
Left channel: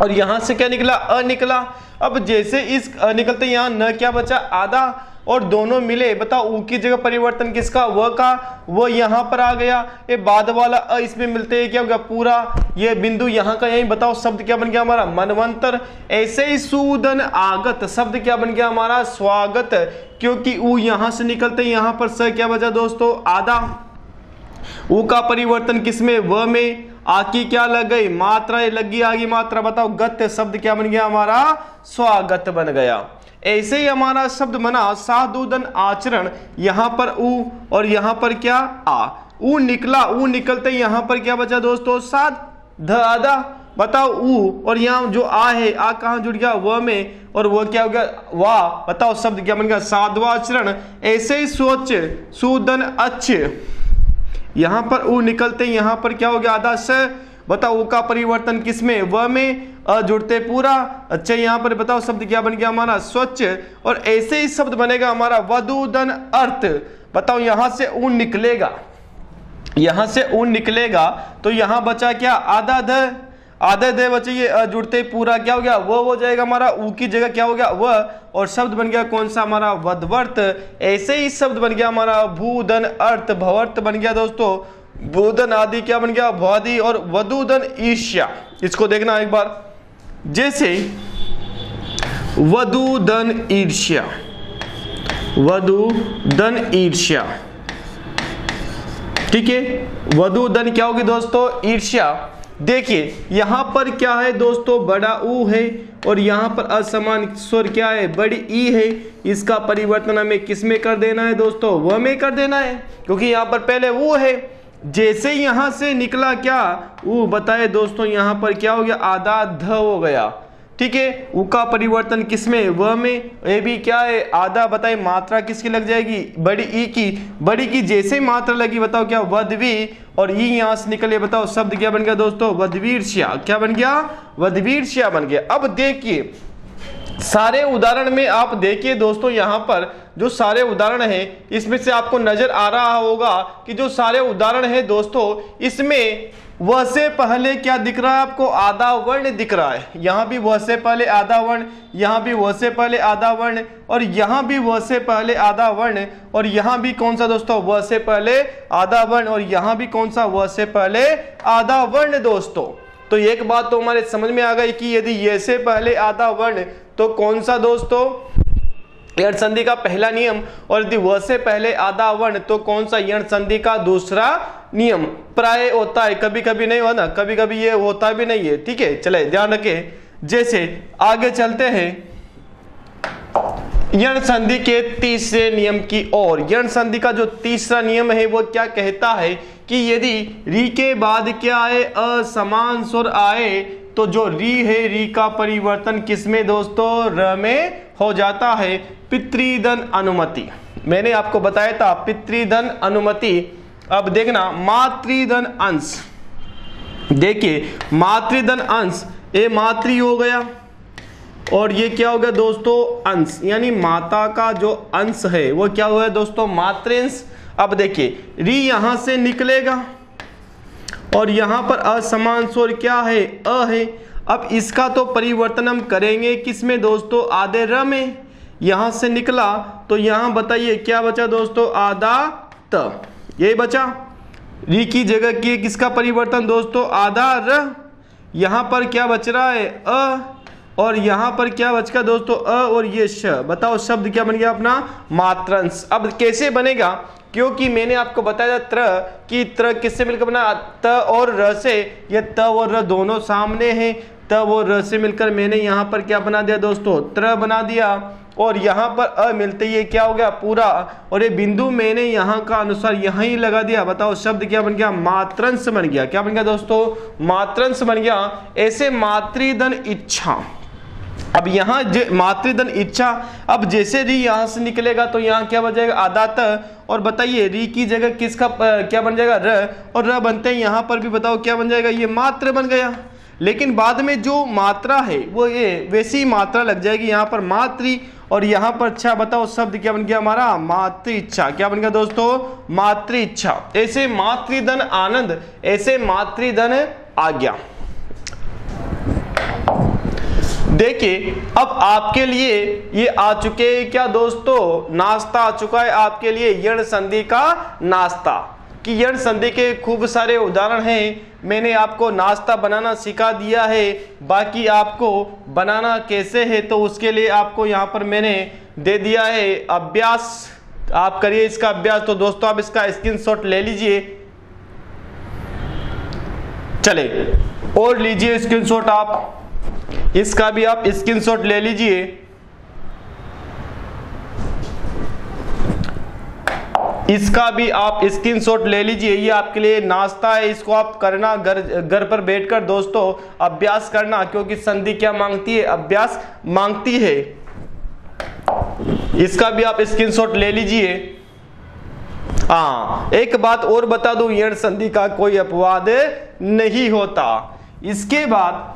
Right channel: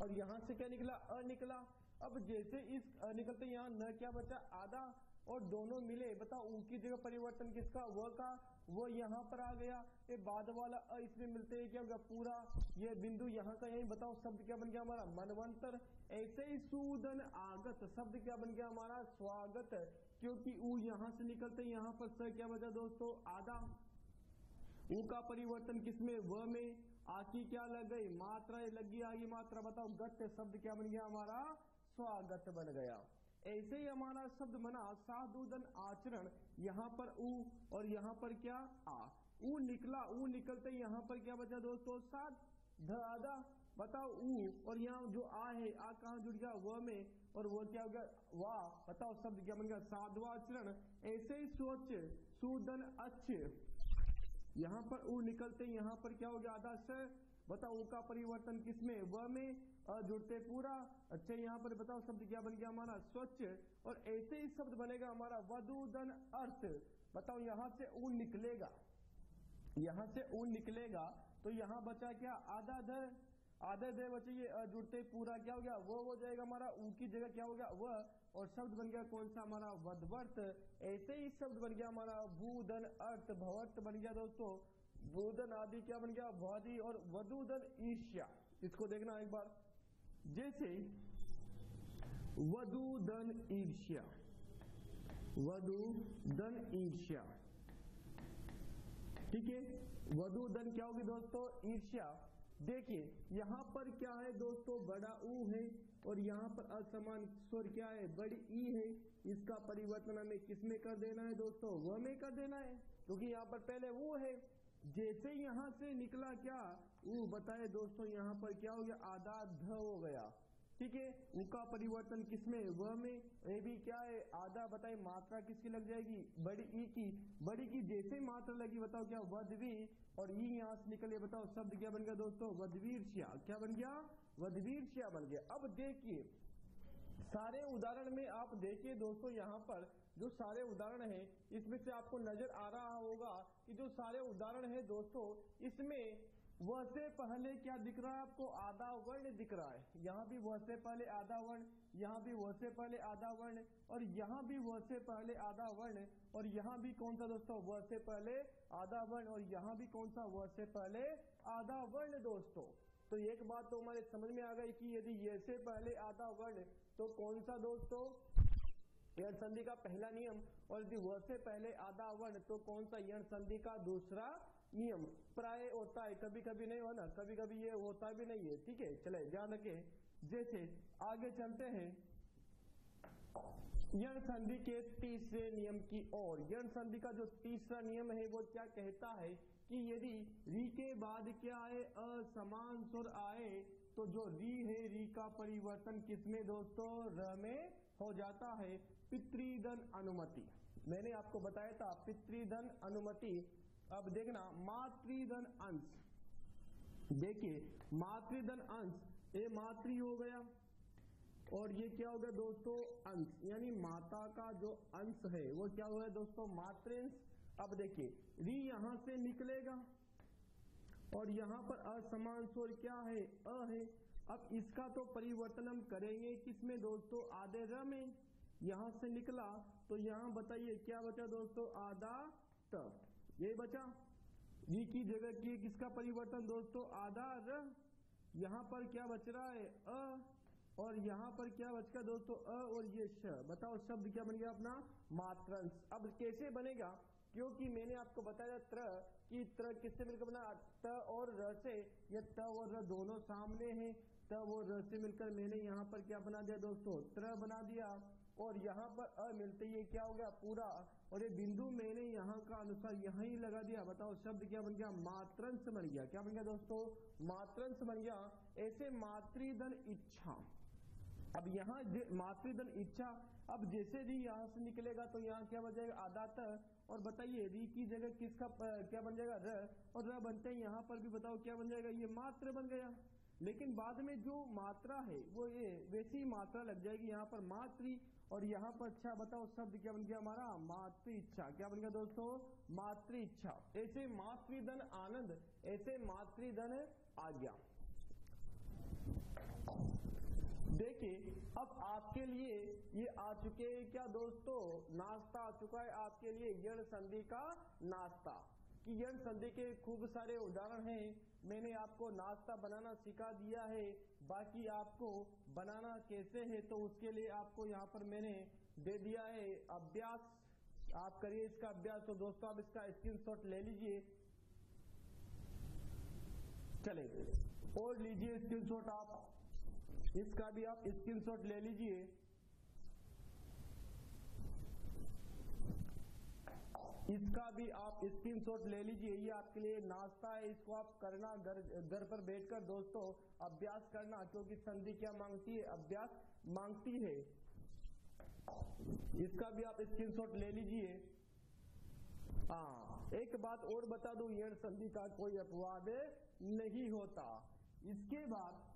और यहां से क्या निकला, अ निकला। अब जैसे इस निकलते यहाँ न क्या बचा, आधा। और दोनों मिले, बताओ ऊ की जगह परिवर्तन किसका, व का, वो यहां पर आ गया, ये बाद वाला अ इसमें मिलते हैं क्या हो गया पूरा, ये बिंदु यहां का यही, बताओ शब्द क्या बन गया हमारा, मनवंतर। ऐसे ही सूदन आगत, शब्द क्या बन गया हमारा, स्वागत, क्योंकि ऊ यहां से निकलते यहां पर स क्या बचा दोस्तों, आधा। ऊ का परिवर्तन किसमें, व में, आ की क्या लग गई, मात्रा, ये लग गई आगे मात्रा, बताओ गत्य, शब्द क्या बन गया हमारा, स्वागत बन गया। ऐसे ही हमारा शब्द बना साधुदन आचरण, यहां पर ऊ और यहां पर क्या, आ, ऊ निकला, ऊ निकलते यहां पर क्या बचा दोस्तों, साध, ध आधा, बताओ ऊ और यहाँ जो आ है, आ कहां जुड़ गया, व में, और वो क्या हो गया, वाह, बताओ शब्द क्या बन गया, साधवाचरण। ऐसे ही स्वच्छ, सुदन अच्छ, यहां पर ऊ निकलते यहां पर क्या हो गया, आधा स, बताओ ऊ का परिवर्तन किसमें, व में, अ जुड़ते पूरा, अच्छा यहां पर बताओ शब्द क्या बन गया हमारा, स्वच्छ। और ऐसे ही शब्द बनेगा हमारा वधुदन अर्थ, बताओ यहां से ऊ निकलेगा, यहां से ऊ निकलेगा तो यहां बचा क्या, आधा ध, आधे दे बचे, ये जुड़ते पूरा क्या हो गया, वो हो जाएगा हमारा, ऊ की जगह क्या हो गया, व, और शब्द बन गया कौन सा हमारा, वधवर्त। ऐसे ही शब्द बन गया हमारा भूधन अर्थ, भवर्त बन गया दोस्तों, भूधन आदि क्या बन गया, भवादि, और वधुधन ईर्ष्या। इसको देखना एक बार, जैसे वधुधन ईर्ष्या, वधुधन ईर्ष्या, ठीक है, वधुधन क्या होगी दोस्तों, ईर्ष्या। देखिए यहां पर क्या है दोस्तों, बड़ा ऊ है और यहां पर असमान स्वर क्या है, बड़ी ई है, इसका परिवर्तन हमें किस में कर देना है दोस्तों, व में कर देना है, क्योंकि यहां पर पहले वो है। जैसे यहां से निकला क्या, ऊ, बताए दोस्तों यहां पर क्या हो गया, आधा ध हो गया, ठीक है, ऊ का परिवर्तन किसमें, व में, ये भी क्या है, आधा, बताए मात्रा किसकी लग जाएगी, बड़ी ई की, बड़ी की जैसे मात्रा लगी बताओ क्या, वधवी, और ई यहां से निकले, बताओ शब्द क्या बन गया दोस्तों, वधवीर्ष्या, क्या बन गया, वधवीर्ष्या बन गया। अब देखिए सारे उदाहरण में आप देखिए दोस्तों, यहां पर जो सारे उदाहरण हैं इसमें से आपको नजर आ रहा होगा कि जो सारे उदाहरण हैं दोस्तों, इसमें वह से पहले क्या दिख रहा है आपको, आधा वर्ण दिख रहा है। यहां भी वह से पहले आधा वर्ण, यहां भी वह से पहले आधा वर्ण, और यहां भी वह से पहले आधा वर्ण, और यहां भी कौन सा दोस्तों, वह से पहले आधा वर्ण, और यहां भी कौन सा, वह से पहले आधा वर्ण दोस्तों। तो एक बात तो हमारे समझ में आ गई कि यदि ये से पहले आधा वर्ण तो कौन सा दोस्तों, यण संधि का पहला नियम, और यदि वह से पहले आधा वर्ण तो कौन सा, यण संधि का दूसरा नियम। प्राय होता है, कभी कभी नहीं हो ना, कभी कभी ये होता भी नहीं है, ठीक है, चले ध्यान रखें। जैसे आगे चलते हैं यण संधि के तीसरे नियम की ओर। यण संधि का जो तीसरा नियम है वो क्या कहता है कि यदि री के बाद क्या आए, असमान स्वर आए, तो जो री है, री का परिवर्तन किसमें दोस्तों, र में हो जाता है। पितृधन अनुमति, मैंने आपको बताया था पितृधन अनुमति। अब देखना मातृधन अंश, देखिए मातृधन अंश, ये मातृ हो गया और ये क्या हो गया दोस्तों, अंश, यानी माता का जो अंश है वो क्या हुआ है दोस्तों, मातृंश। अब देखिए री यहां से निकलेगा और यहां पर असमान स्वर क्या है, अ है। अब इसका तो परिवर्तन हम करेंगे किसमें दोस्तों, आधे र में। यहां से निकला तो यहां बताइए क्या बचा दोस्तों, आधा त, ये बचा। री की जगह की किसका परिवर्तन दोस्तों, आधा र। यहां पर क्या बच रहा है, अ, और यहां पर क्या बच गया दोस्तों, अ और ये श। बताओ शब्द क्या बन गया अपना, मात्रंश। अब कैसे बनेगा, क्योंकि मैंने आपको बताया त्र कि त्र किससे मिलकर बना, त और र से। ये त और र दोनों सामने हैं, त और र से मिलकर मैंने यहाँ पर क्या बना दिया दोस्तों, त्र बना दिया। और यहाँ पर अ मिलते ये क्या हो गया पूरा, और ये बिंदु मैंने यहाँ का अनुसार यहाँ ही लगा दिया। बताओ शब्द क्या बन गया, मात्रंश बन गया। क्या बन गया दोस्तों, मात्रंश बन गया। ऐसे मातृधन इच्छा, अब यहाँ मातृधन इच्छा, अब जैसे री यहाँ से निकलेगा तो यहाँ क्या बन जाएगा, आधा त। और बताइए री की जगह किसका क्या बन जाएगा, र, और र बनते हैं यहाँ पर भी बताओ क्या बन जाएगा, ये मात्र बन गया। लेकिन बाद में जो मात्रा है वो ये वैसी मात्रा लग जाएगी यहाँ पर मातृ, और यहाँ पर अच्छा। बताओ शब्द क्या बन गया हमारा, मातृ इच्छा। क्या बन गया दोस्तों, मातृ इच्छा। ऐसे मातृधन आनंद, ऐसे मातृधन आज्ञा। देखिए अब आपके लिए ये आ चुके क्या दोस्तों, नाश्ता आ चुका है आपके लिए, यण संधि का नाश्ता। कि यण संधि के खूब सारे उदाहरण हैं, मैंने आपको नाश्ता बनाना सिखा दिया है, बाकी आपको बनाना कैसे है तो उसके लिए आपको यहाँ पर मैंने दे दिया है अभ्यास, आप करिए इसका अभ्यास। तो दोस्तों आप इसका स्क्रीनशॉट ले लीजिए, चले और लीजिए स्क्रीनशॉट, आप इसका भी आप स्क्रीनशॉट ले लीजिए। इसका भी आप स्क्रीनशॉट ले लीजिए, ये आपके लिए नाश्ता है, इसको आप करना घर पर बैठकर दोस्तों अभ्यास करना, क्योंकि संधि क्या मांगती है, अभ्यास मांगती है। इसका भी आप स्क्रीनशॉट ले लीजिए। हाँ एक बात और बता दूं, यण संधि का कोई अपवाद नहीं होता। इसके बाद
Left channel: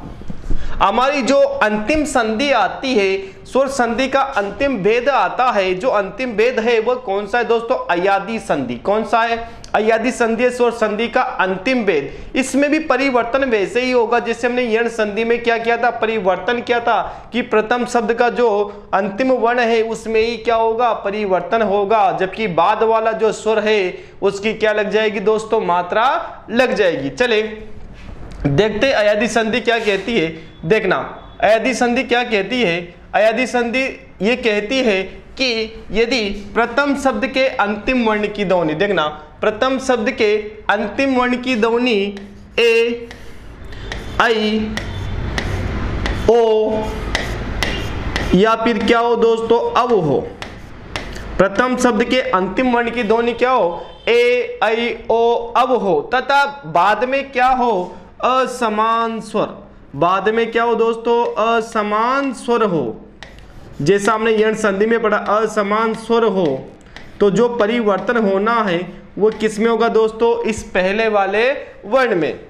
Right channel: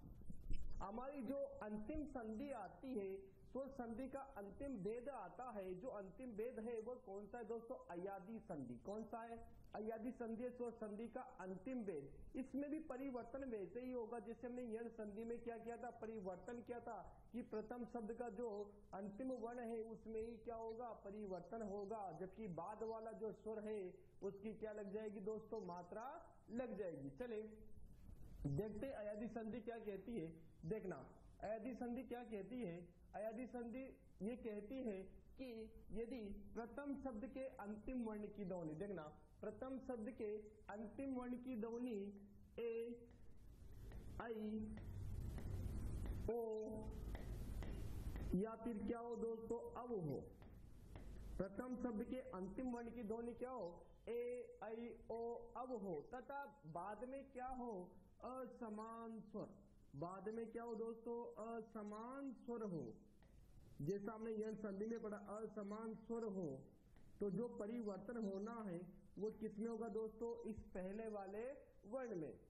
हमारी जो अंतिम संधि आती है, स्वर संधि का अंतिम भेद आता है, जो अंतिम भेद है वो कौन सा है दोस्तों, अयादी संधि। कौन सा है, अयादी संधि है स्वर संधि का अंतिम भेद। इसमें भी परिवर्तन वैसे ही होगा जैसे हमने यण संधि में क्या किया था, परिवर्तन किया था कि प्रथम शब्द का जो अंतिम वर्ण है उसमें ही क्या होगा, परिवर्तन होगा, जबकि बाद वाला जो स्वर है उसकी क्या लग जाएगी दोस्तों, मात्रा लग जाएगी। चले देखते अयादी संधि क्या कहती है। देखना अयादी संधि क्या कहती है, अयादी संधि ये कहती है कि यदि प्रथम शब्द के अंतिम वर्ण की ध्वनि, देखना प्रथम शब्द के अंतिम वर्ण की ध्वनि ए, आई, ओ या फिर क्या हो दोस्तों, अब हो। प्रथम शब्द के अंतिम वर्ण की ध्वनि क्या हो, ए, आई, ओ, अब हो, तथा बाद में क्या हो, असमान स्वर। बाद में क्या हो दोस्तों, असमान स्वर हो। जैसा हमने यण संधि में पढ़ा, असमान स्वर हो, तो जो परिवर्तन होना है वो किस में होगा दोस्तों, इस पहले वाले वर्ण में।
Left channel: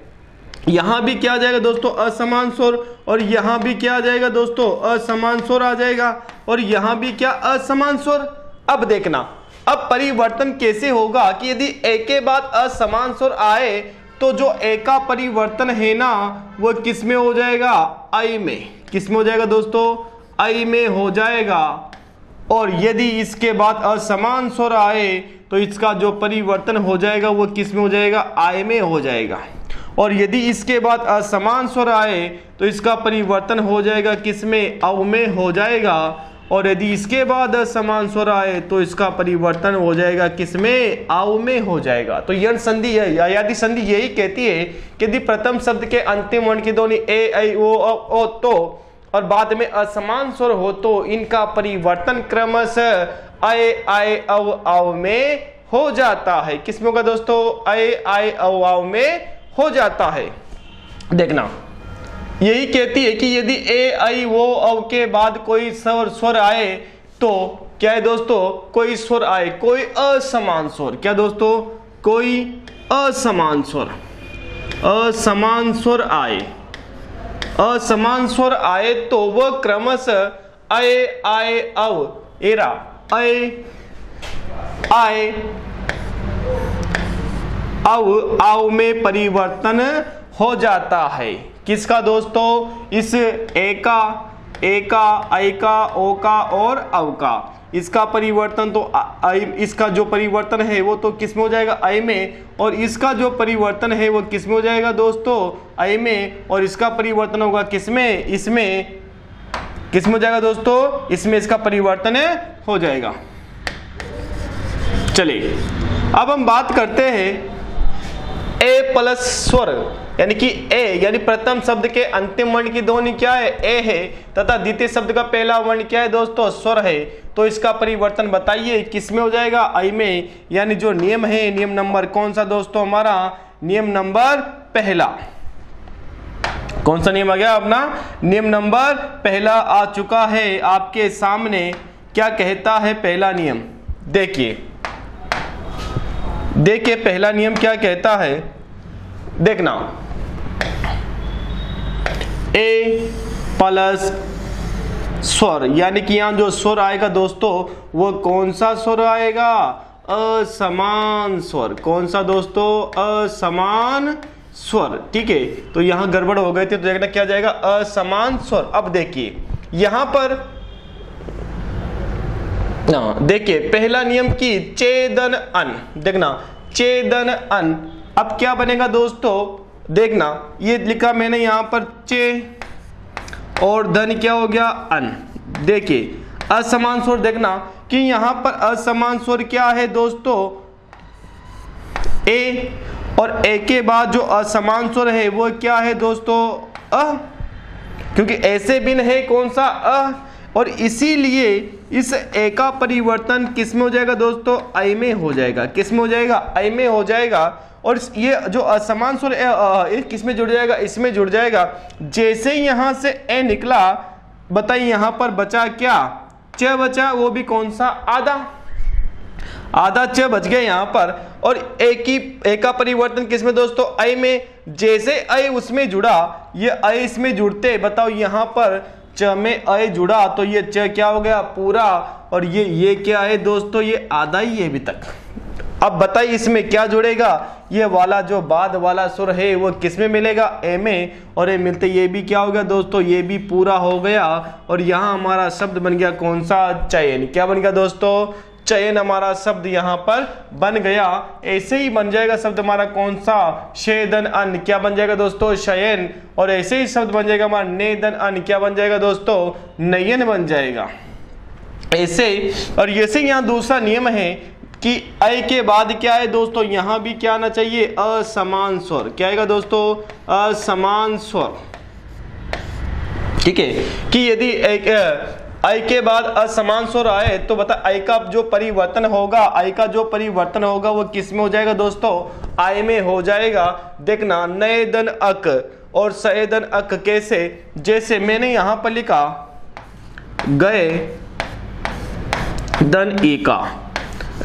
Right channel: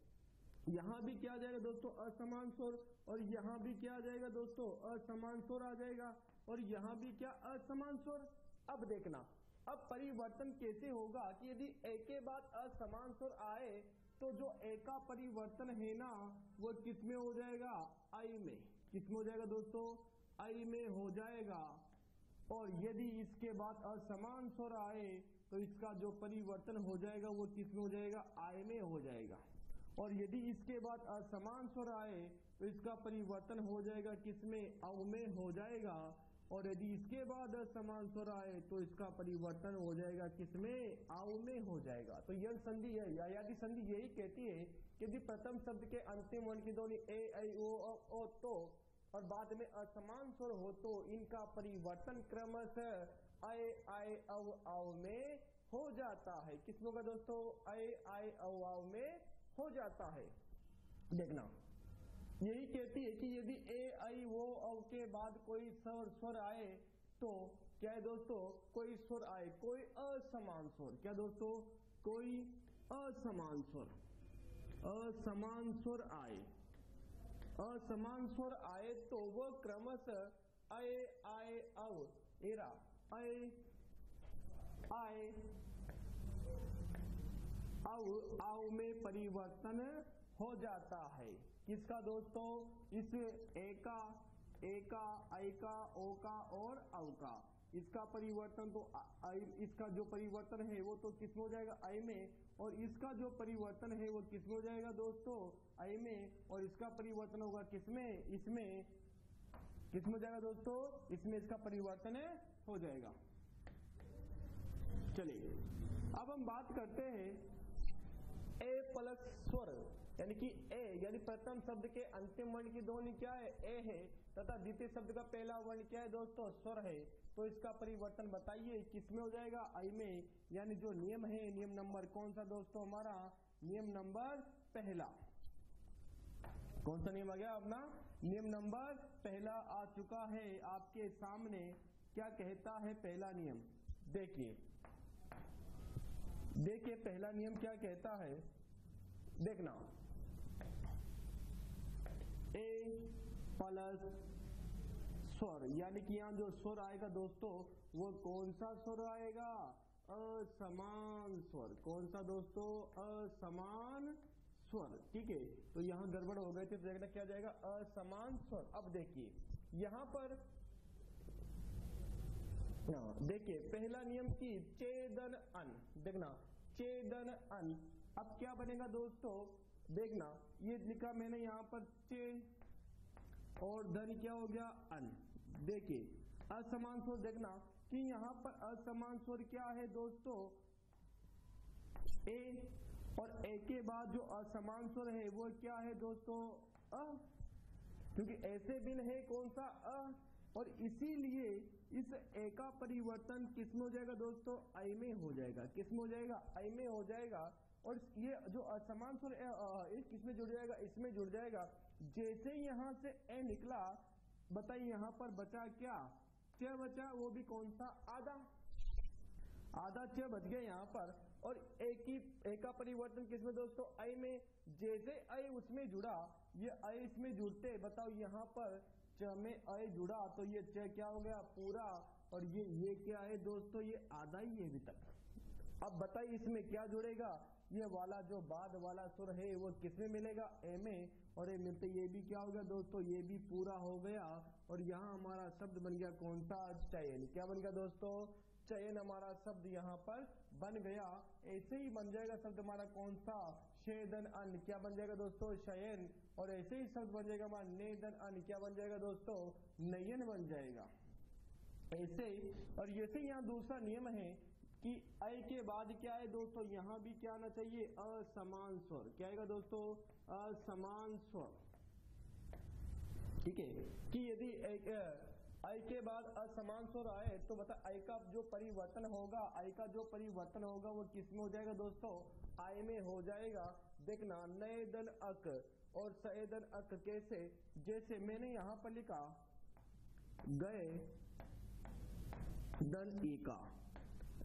यहां भी क्या आ जाएगा दोस्तों, असमान स्वर, और यहां भी क्या आ जाएगा दोस्तों, असमान स्वर आ जाएगा, और यहां भी क्या, असमान स्वर। अब देखना अब परिवर्तन कैसे होगा कि यदि एक के बाद असमान स्वर आए तो जो ए का परिवर्तन है ना वो किस में हो जाएगा, आई में। किस में हो जाएगा दोस्तों, आई में हो जाएगा। और यदि इसके बाद असमान स्वर आए तो इसका जो परिवर्तन हो जाएगा वो किस में हो जाएगा, आई में हो जाएगा। और यदि इसके बाद असमान स्वर आए तो इसका परिवर्तन हो जाएगा किस में, अव में हो जाएगा। और यदि इसके बाद असमान स्वर आए तो इसका परिवर्तन हो जाएगा किसमें, आव में हो जाएगा। तो यण संधि अयादी संधि यही कहती है कि यदि प्रथम शब्द के अंतिम वर्ण की ध्वनि ए, आई, ओ तो और बाद में असमान स्वर हो तो इनका परिवर्तन क्रमशः अय, आय, अव, आव में हो जाता है। किसमें होगा दोस्तों, अय, आय, अव, आव में हो जाता है। देखना यही कहती है कि यदि ए, आई, वो, अव के बाद कोई स्वर आए तो क्या है दोस्तों, कोई स्वर आए, कोई असमान स्वर, क्या दोस्तों, कोई असमान स्वर, असमान स्वर आए, असमान स्वर आए तो वह क्रमशः अय, आय, अव, एरा अय, आय, अव, आव में परिवर्तन हो जाता है। किसका दोस्तों, इस ए का, आई का, ओ का और अव का, इसका परिवर्तन तो इसका जो परिवर्तन है वो तो किस में हो जाएगा, आई में, और इसका जो परिवर्तन है वो किस में हो जाएगा दोस्तों, आई में, और इसका परिवर्तन होगा किसमें, इसमें। किस में हो जाएगा दोस्तों, इसमें इसका परिवर्तन हो जाएगा। चलिए अब हम बात करते हैं ए प्लस स्वर, यानी कि ए यानी प्रथम शब्द के अंतिम वर्ण की ध्वनि क्या है, ए है, तथा द्वितीय शब्द का पहला वर्ण क्या है दोस्तों, स्वर है। तो इसका परिवर्तन बताइए किस में हो जाएगा, आई में। यानी जो नियम है, नियम नंबर कौन सा दोस्तों हमारा, नियम नंबर पहला। कौन सा नियम आ गया अपना, नियम नंबर पहला आ चुका है आपके सामने। क्या कहता है पहला नियम, देखिए पहला नियम क्या कहता है, देखना ए प्लस स्वर, यानी कि यहां जो स्वर आएगा दोस्तों वो कौन सा स्वर आएगा, असमान स्वर। कौन सा दोस्तों, असमान स्वर। ठीक है, तो यहां गड़बड़ हो गए थे, तो देखना क्या जाएगा, असमान स्वर। अब देखिए यहां पर देखिए पहला नियम की चेदन अन, देखना चेदन अन। अब क्या बनेगा दोस्तों, देखना ये लिखा मैंने यहां पर चे और धन क्या हो गया अन। देखिए असमान स्वर, देखना कि यहां पर असमान स्वर क्या है दोस्तों, ए, और ए के बाद जो असमान स्वर है वो क्या है दोस्तों, अ, क्योंकि ऐसे बिन है कौन सा, अ, और इसीलिए इस ए का परिवर्तन किस में हो जाएगा दोस्तों, ऐ में हो जाएगा। किस में हो जाएगा, ऐ में हो जाएगा। और ये जो असमान स्वर किस में जुड़ जाएगा, इसमें जुड़ जाएगा। जैसे यहां से ए निकला, बताइए यहां पर बचा क्या, च बचा, वो भी कौन सा, आधा, आधा च बच गया यहां पर। और ए का परिवर्तन किस में दोस्तों, ऐ में। जैसे ऐ उसमें जुड़ा, ये ऐ इसमें जुड़ते, बताओ यहां पर च में ऐ जुड़ा तो ये च क्या हो गया, पूरा। और ये क्या है दोस्तों, ये आधा ही है अभी तक। अब बताइए इसमें क्या जुड़ेगा, ये वाला जो बाद वाला सुर है वो किस में मिलेगा, ए में। और ये मिलते ये भी क्या हो गया दोस्तों, ये भी पूरा हो गया। और यहाँ हमारा शब्द बन गया कौन सा, चयन। क्या बन गया दोस्तों, चयन हमारा शब्द यहाँ पर बन गया। ऐसे ही बन जाएगा शब्द हमारा कौन सा, शेदन अन, क्या बन जाएगा दोस्तों, शयन। और ऐसे ही शब्द बन जाएगा हमारा नेदन अन, क्या बन जाएगा दोस्तों, नयन बन जाएगा। ऐसे और ऐसे यहाँ दूसरा नियम है कि ऐ के बाद क्या है दोस्तों, यहां भी क्या आना चाहिए, असमान स्वर। क्या आएगा दोस्तों, असमान स्वर। ठीक है, कि यदि ऐ के बाद असमान स्वर आए तो बता ऐ का जो परिवर्तन होगा, ऐ का जो परिवर्तन होगा वो किस में हो जाएगा दोस्तों, आय में हो जाएगा। देखना नयदन अक और सयदन अक कैसे, जैसे मैंने यहां पर लिखा गए दन एका,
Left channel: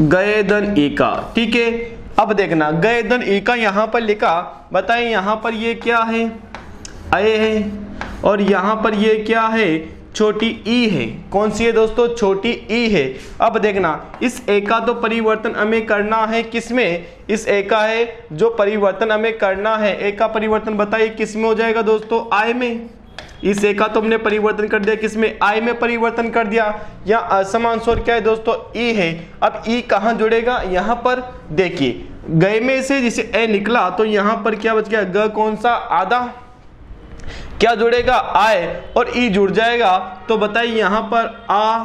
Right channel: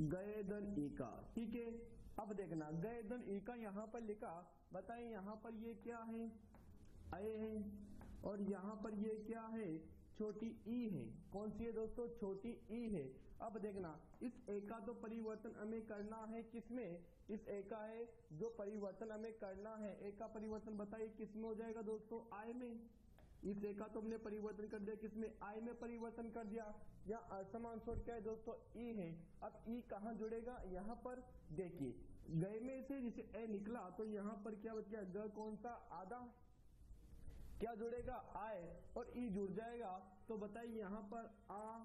गए दन एका। ठीक है, अब देखना गए दन एका यहां पर लिखा, बताएं यहां पर ये क्या है, अय है, और यहां पर ये क्या है, छोटी ई है। कौन सी है दोस्तों, छोटी ई है। अब देखना इस ए का तो परिवर्तन हमें करना है, किसमें, इस ए का है जो परिवर्तन हमें करना है, ए का परिवर्तन बताइए किस में हो जाएगा दोस्तों, आय में। इस ए का तो हमने परिवर्तन कर दिया, किसमें, आई में परिवर्तन कर दिया। यहाँ असमान स्वर क्या है दोस्तों, ई है। अब ई कहाँ जुड़ेगा, यहाँ पर देखिए गए में से जिसे ए निकला तो यहाँ पर क्या बच गया, ग कौन सा, आधा, क्या जुड़ेगा, आय, और ई जुड़ जाएगा। तो बताइए यहाँ पर आ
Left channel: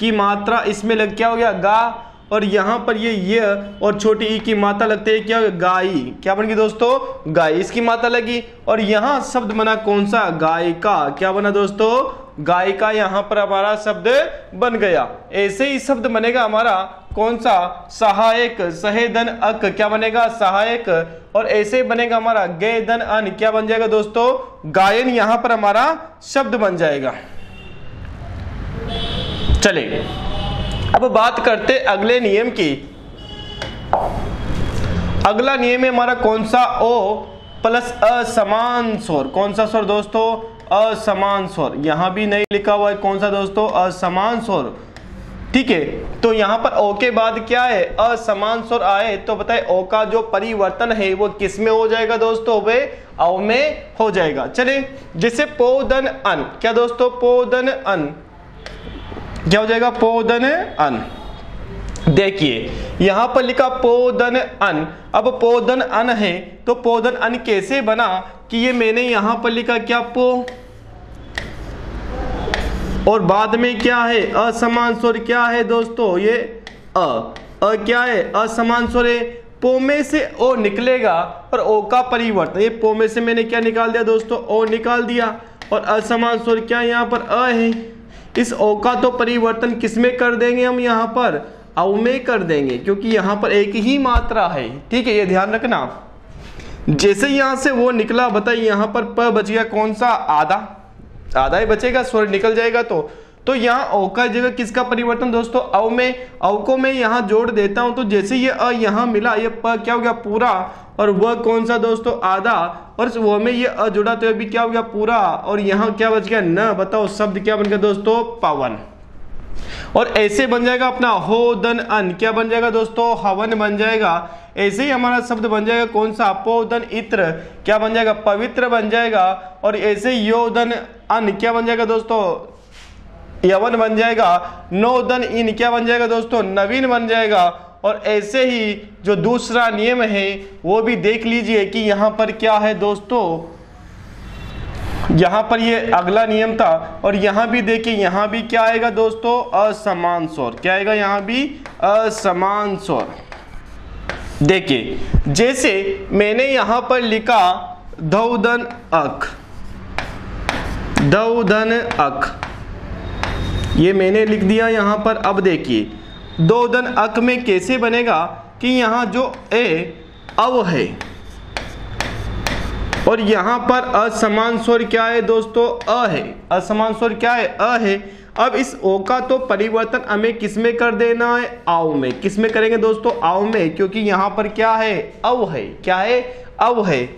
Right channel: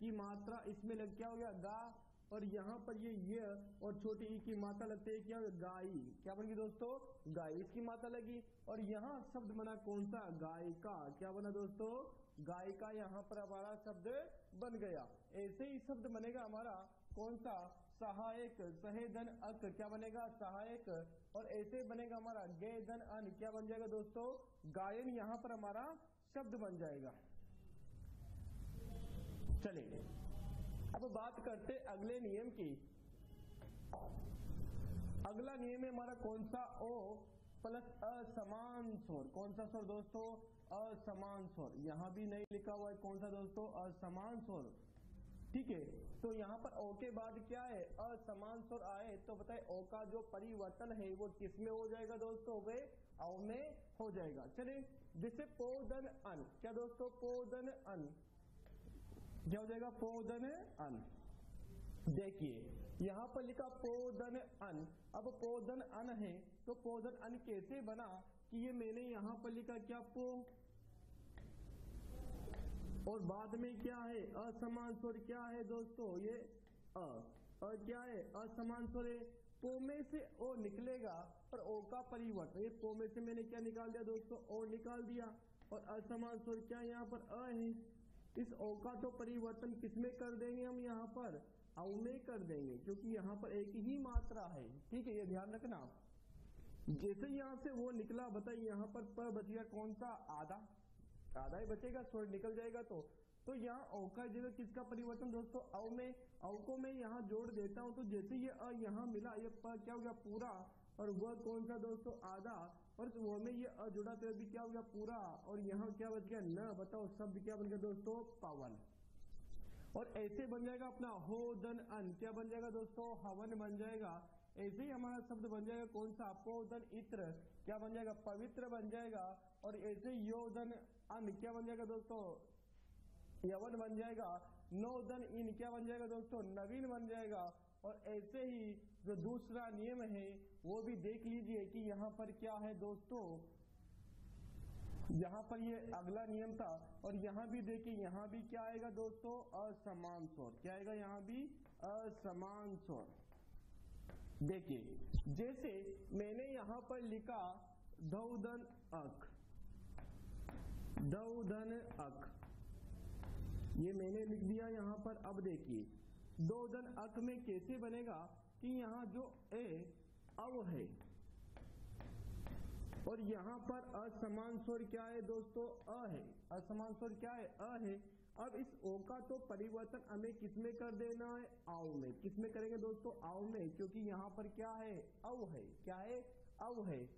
की मात्रा इसमें लग क्या हो गया, गा, और यहाँ पर ये और छोटी ई की मात्रा लगते हैं क्या, गाई। क्या बन गई दोस्तों, गाय, इसकी मात्रा लगी। और यहाँ शब्द बना कौन सा, गायिका। क्या बना दोस्तों, गायिका। यहाँ पर हमारा शब्द बन गया। ऐसे ही शब्द बनेगा हमारा कौन सा, सहायक, सहेदन अक, क्या बनेगा, सहायक। और ऐसे बनेगा हमारा गेदन अन, क्या बन जाएगा दोस्तों, गायन। यहाँ पर हमारा शब्द बन जाएगा। चलिए अब बात करते अगले नियम की। अगला नियम है हमारा कौन सा, ओ प्लस असमान स्वर। कौन सा स्वर दोस्तों, असमान स्वर। यहां भी नहीं लिखा हुआ है कौन सा दोस्तों, असमान स्वर। ठीक है, तो यहां पर ओ के बाद क्या है, असमान स्वर आए तो बताए ओ का जो परिवर्तन है वो किस में हो जाएगा दोस्तों, वे औ में हो जाएगा। चले जैसे पोदन अन, क्या दोस्तों, पोदन अन, क्या हो जाएगा, पोदन अन। देखिए यहां पर लिखा पोदन अन। अब पोदन अन है तो पोदन अन कैसे बना, कि ये मैंने यहां पर लिखा क्या, पो, और बाद में क्या है, असमान स्वर। क्या है दोस्तों, ये अ क्या है, असमान स्वर है। पो में से ओ निकलेगा और ओ का परिवर्तन, ये पो में से मैंने क्या निकाल दिया दोस्तों, ओ निकाल दिया। और असमान स्वर क्या यहाँ पर अ है। इस ओ का तो परिवर्तन किसमें कर देंगे हम, यहाँ पर औ में कर देंगे, क्योंकि यहाँ पर एक ही मात्रा है। ठीक है, ये ध्यान रखना। जैसे यहां से वो निकला, बताइए यहाँ पर प बच गया कौन सा, आधा, आधा ही बचेगा, स्वर निकल जाएगा। तो यहाँ औ का जगह किसका परिवर्तन दोस्तों, औ में। औ को मैं यहाँ जोड़ देता हूं, तो जैसे ये अ यहाँ मिला, ये प क्या हो गया, पूरा, और वह कौन सा दोस्तों, आधा, और वो में ये अ जुड़ा तो भी क्या हो गया, पूरा। और यहाँ क्या बच गया, न। बताओ शब्द क्या बन गया दोस्तों, पवन। और ऐसे बन जाएगा अपना हो दन अन, क्या बन जाएगा दोस्तों, हवन बन जाएगा। ऐसे ही हमारा शब्द बन जाएगा कौन सा, अपोदन इत्र क्या बन जाएगा, पवित्र बन जाएगा। और ऐसे योदन अन क्या बन जाएगा दोस्तों, यवन बन जाएगा। नोदन इन क्या बन जाएगा दोस्तों, नवीन बन जाएगा। और ऐसे ही जो दूसरा नियम है वो भी देख लीजिए कि यहाँ पर क्या है दोस्तों, यहाँ पर ये अगला नियम था। और यहाँ भी देखिए, यहाँ भी क्या आएगा दोस्तों, असमान स्वर। क्या आएगा यहाँ भी, असमान स्वर। देखिए जैसे मैंने यहाँ पर लिखा धौधन अक, धौधन अक, ये मैंने लिख दिया यहाँ पर। अब देखिए धौधन अक में कैसे बनेगा कि यहाँ जो ए अव है और यहाँ पर असमान स्वर क्या है दोस्तों, अ है। असमान स्वर क्या है, अ है। अब इस ओ का तो परिवर्तन हमें किस में कर देना है, आव में। किस में करेंगे दोस्तों, आव में, क्योंकि यहाँ पर क्या है, अव है। क्या है, अव है,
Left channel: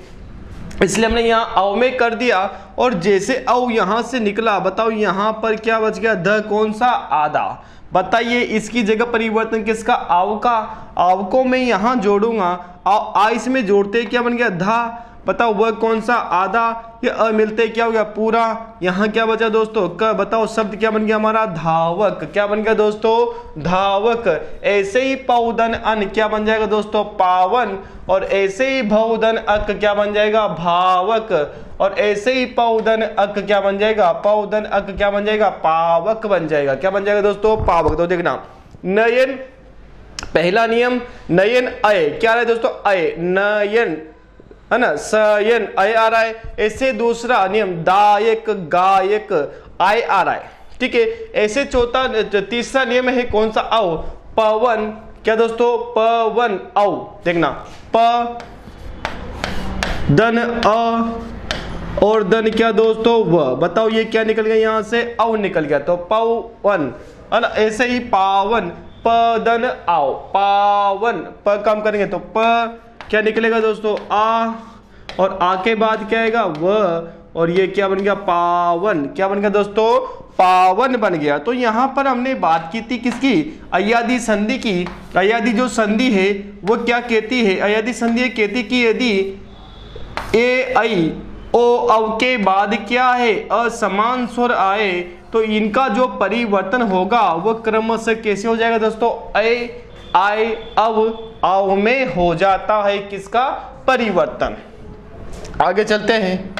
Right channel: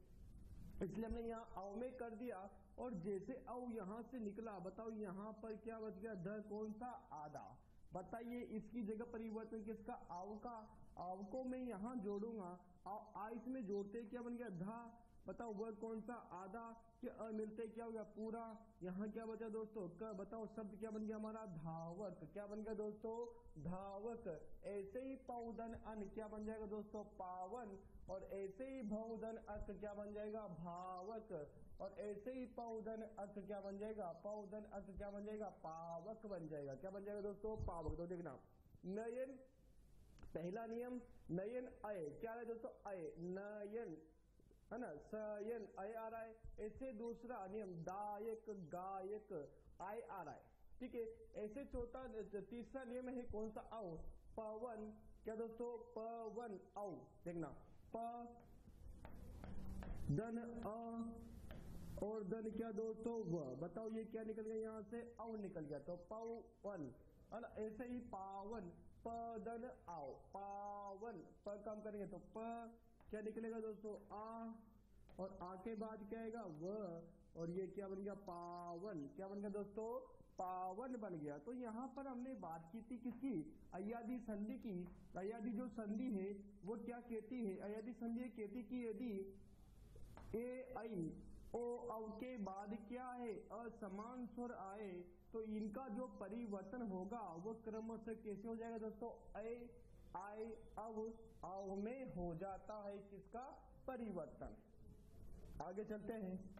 इसलिए हमने यहाँ अव में कर दिया। और जैसे अव यहाँ से निकला, बताओ यहाँ पर क्या बच गया, ध कौन सा, आधा। बताइए इसकी जगह परिवर्तन किसका, आव का। आव को मैं यहाँ जोड़ूंगा, आ इसमें जोड़ते क्या बन गया, धा। बताओ वह कौन सा, आधा। ये अ मिलते क्या हो गया, पूरा। यहाँ क्या बचा दोस्तों, क। बताओ शब्द क्या बन गया हमारा, धावक। क्या बन गया दोस्तों, धावक। ऐसे ही पौधन अन क्या बन जाएगा दोस्तों, पावन। और ऐसे ही भौधन अक क्या बन जाएगा, भावक। और ऐसे ही पौधन अक क्या बन जाएगा, पौधन अक क्या बन जाएगा, पावक बन जाएगा। क्या बन जाएगा दोस्तों, पावक। तो देखना नयन, पहला नियम नयन अय, क्या रहा है दोस्तों, अय, नयन है ना, सयन अय आ रहा है। ऐसे दूसरा नियम दायक, गायक, आय आ रहा है। ठीक है। ऐसे तीसरा नियम है कौन सा, औ, पवन। क्या दोस्तों, पवन, औ। देखना प दन अ और दन क्या दोस्तों, व। बताओ ये क्या निकल गया, यहां से औ निकल गया, तो पवन है ना। ऐसे ही पावन, पदन आओ, पावन। प काम करेंगे तो प क्या निकलेगा दोस्तों, आ। और आ के बाद क्या आएगा, व। और ये क्या बन गया, पावन। क्या बन गया दोस्तों, पावन बन गया। तो यहाँ पर हमने बात की थी किसकी, अय्यादी संधि की। अय्यादी जो संधि है वो क्या कहती है, अय्यादी संधि कहती कि यदि ए ऐ ओ अव के बाद क्या है, असमान स्वर आए तो इनका जो परिवर्तन होगा वो क्रमशः कैसे हो जाएगा दोस्तों, ऐ आय अव आव में हो जाता है किसका, परिवर्तन। आगे चलते हैं।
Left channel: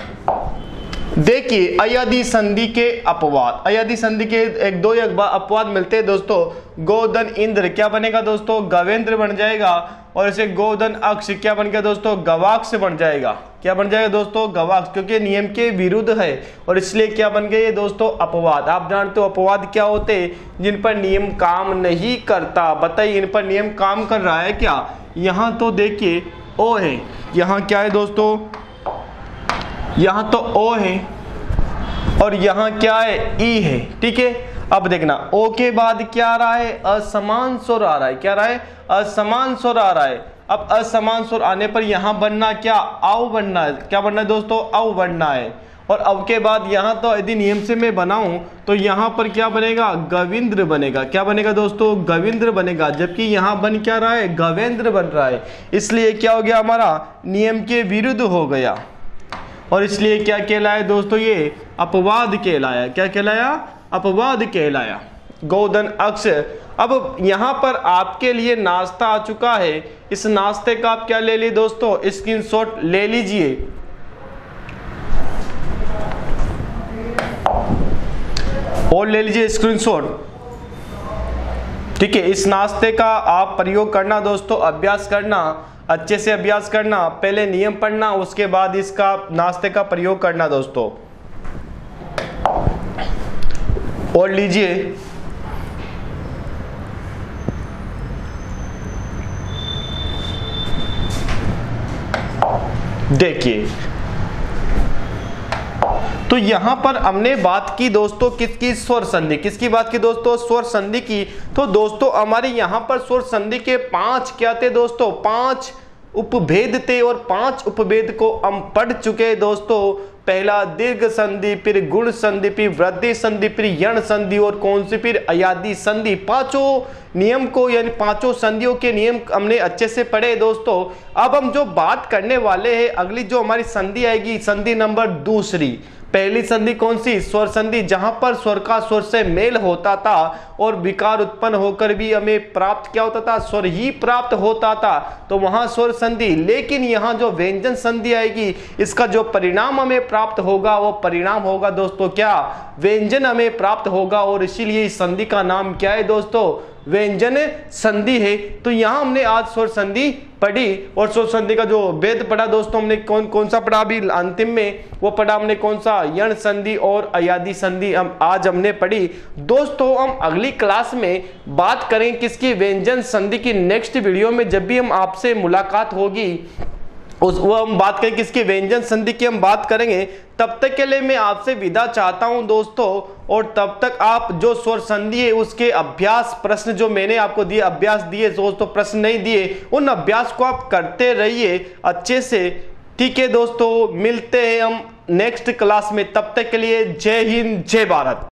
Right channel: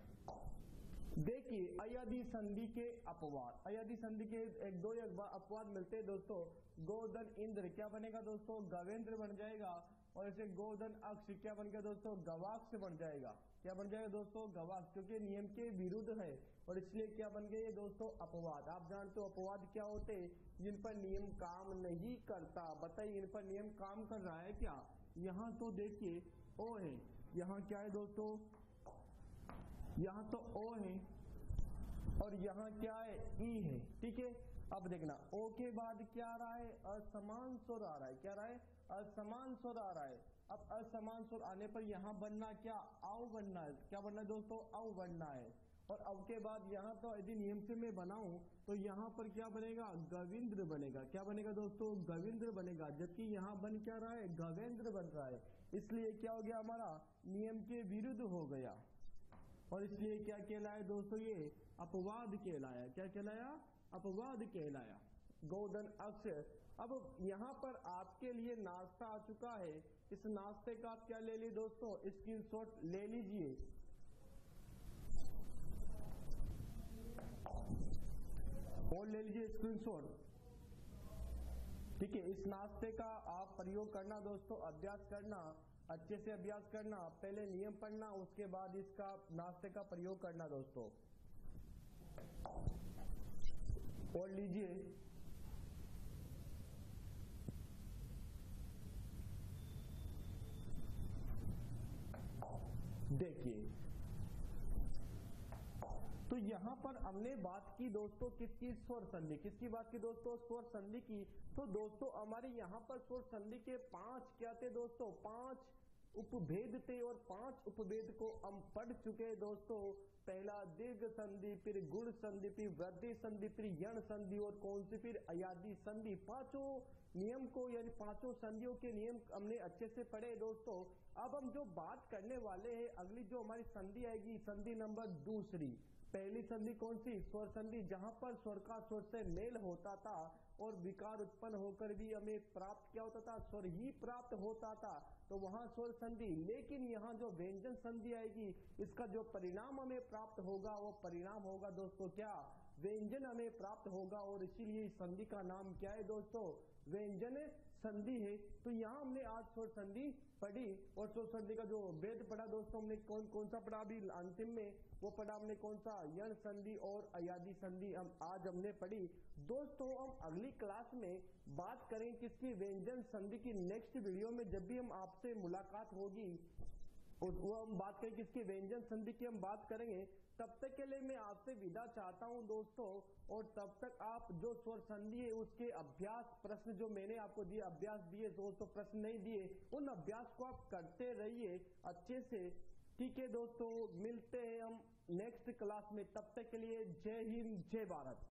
देखिए अय्यादी संधि के अपवाद, अय्यादी संधि के एक दो अपवाद मिलते हैं दोस्तों। गोधन इंद्र क्या बनेगा दोस्तों, गवेंद्र बन जाएगा। और इसे गोधन अक्ष क्या बन गया दोस्तों, गवाक्ष बन जाएगा। क्या बन जाएगा दोस्तों, गवाक्ष, क्योंकि नियम के विरुद्ध है और इसलिए क्या बन गए दोस्तों, अपवाद। आप जानते हो अपवाद क्या होते हैं, जिन पर नियम काम नहीं करता। बताइए इन पर नियम काम कर रहा है क्या। यहाँ तो देखिए ओ है, यहाँ क्या है दोस्तों, यहाँ तो ओ है और यहाँ क्या है, ई है। ठीक है। अब देखना ओ के बाद क्या आ रहा है, असमान स्वर आ रहा है। क्या आ रहा है, असमान स्वर आ रहा है। अब असमान स्वर आने पर यहाँ बनना क्या, आव बनना है। क्या बनना है दोस्तों, आव बनना है। और अब के बाद यहाँ तो यदि नियम से मैं बनाऊं तो यहाँ पर क्या बनेगा, गविंद्र बनेगा। क्या बनेगा दोस्तों, गविंद्र बनेगा। जबकि यहाँ बन क्या रहा है, गवेंद्र बन रहा है। इसलिए क्या हो गया, हमारा नियम के विरुद्ध हो गया और इसलिए क्या कहलाया दोस्तों, ये अपवाद कहलाया। क्या कहलाया, अपवाद कहलाया। गोधन अक्ष। अब यहाँ पर आपके लिए नाश्ता आ चुका है। इस नाश्ते का आप क्या ले ली दोस्तों, स्क्रीनशॉट ले लीजिए। और ले लीजिए स्क्रीनशॉट। ठीक है। इस नाश्ते का आप प्रयोग करना दोस्तों, अभ्यास करना, अच्छे से अभ्यास करना। पहले नियम पढ़ना, उसके बाद इसका नाश्ते का प्रयोग करना दोस्तों। और लीजिए देखिए, तो यहां पर हमने बात की दोस्तों किसकी, स्वर संधि। किसकी बात की दोस्तों, स्वर संधि की। तो दोस्तों हमारे यहां पर स्वर संधि के 5 क्या थे दोस्तों, 5 उपभेद थे और 5 उपभेद को हम पढ़ चुके दोस्तों। पहला दीर्घ संधि, फिर गुण संधि, फिर वृद्धि संधि, फिर यण संधि और कौन सी, फिर अयादी संधि। पांचों नियम को यानी पांचों संधियों के नियम हमने अच्छे से पढ़े दोस्तों। अब हम जो बात करने वाले हैं, अगली जो हमारी संधि आएगी, संधि नंबर दूसरी। पहली संधि कौन सी? स्वर संधि, जहां पर स्वर का स्वर से मेल होता था और विकार उत्पन्न होकर भी हमें प्राप्त क्या होता था? स्वर ही प्राप्त होता था, तो वहां स्वर संधि। लेकिन यहां जो व्यंजन संधि आएगी, इसका जो परिणाम हमें प्राप्त होगा वो परिणाम होगा दोस्तों क्या? व्यंजन हमें प्राप्त होगा, और इसीलिए इस संधि का नाम क्या है दोस्तों? व्यंजन संधि है। तो यहां हमने आज स्वर संधि पढ़ी, और स्वर संधि का जो भेद पढ़ा दोस्तों हमने कौन सा पढ़ा? अभी अंतिम में वो पढ़ा हमने कौन सा? यण संधि और अयादी संधि हम आज हमने पढ़ी दोस्तों। हम अगली क्लास में बात करें किसकी? व्यंजन संधि की। नेक्स्ट वीडियो में जब भी हम आपसे मुलाकात होगी वो हम बात करें किसकी? व्यंजन संधि की हम बात करेंगे। तब तक के लिए मैं आपसे विदा चाहता हूं दोस्तों, और तब तक आप जो स्वर संधि है उसके अभ्यास प्रश्न जो मैंने आपको दिए, अभ्यास दिए दोस्तों, प्रश्न नहीं दिए, उन अभ्यास को आप करते रहिए अच्छे से। ठीक है दोस्तों, मिलते हैं हम नेक्स्ट क्लास में। तब तक के लिए जय हिंद, जय भारत।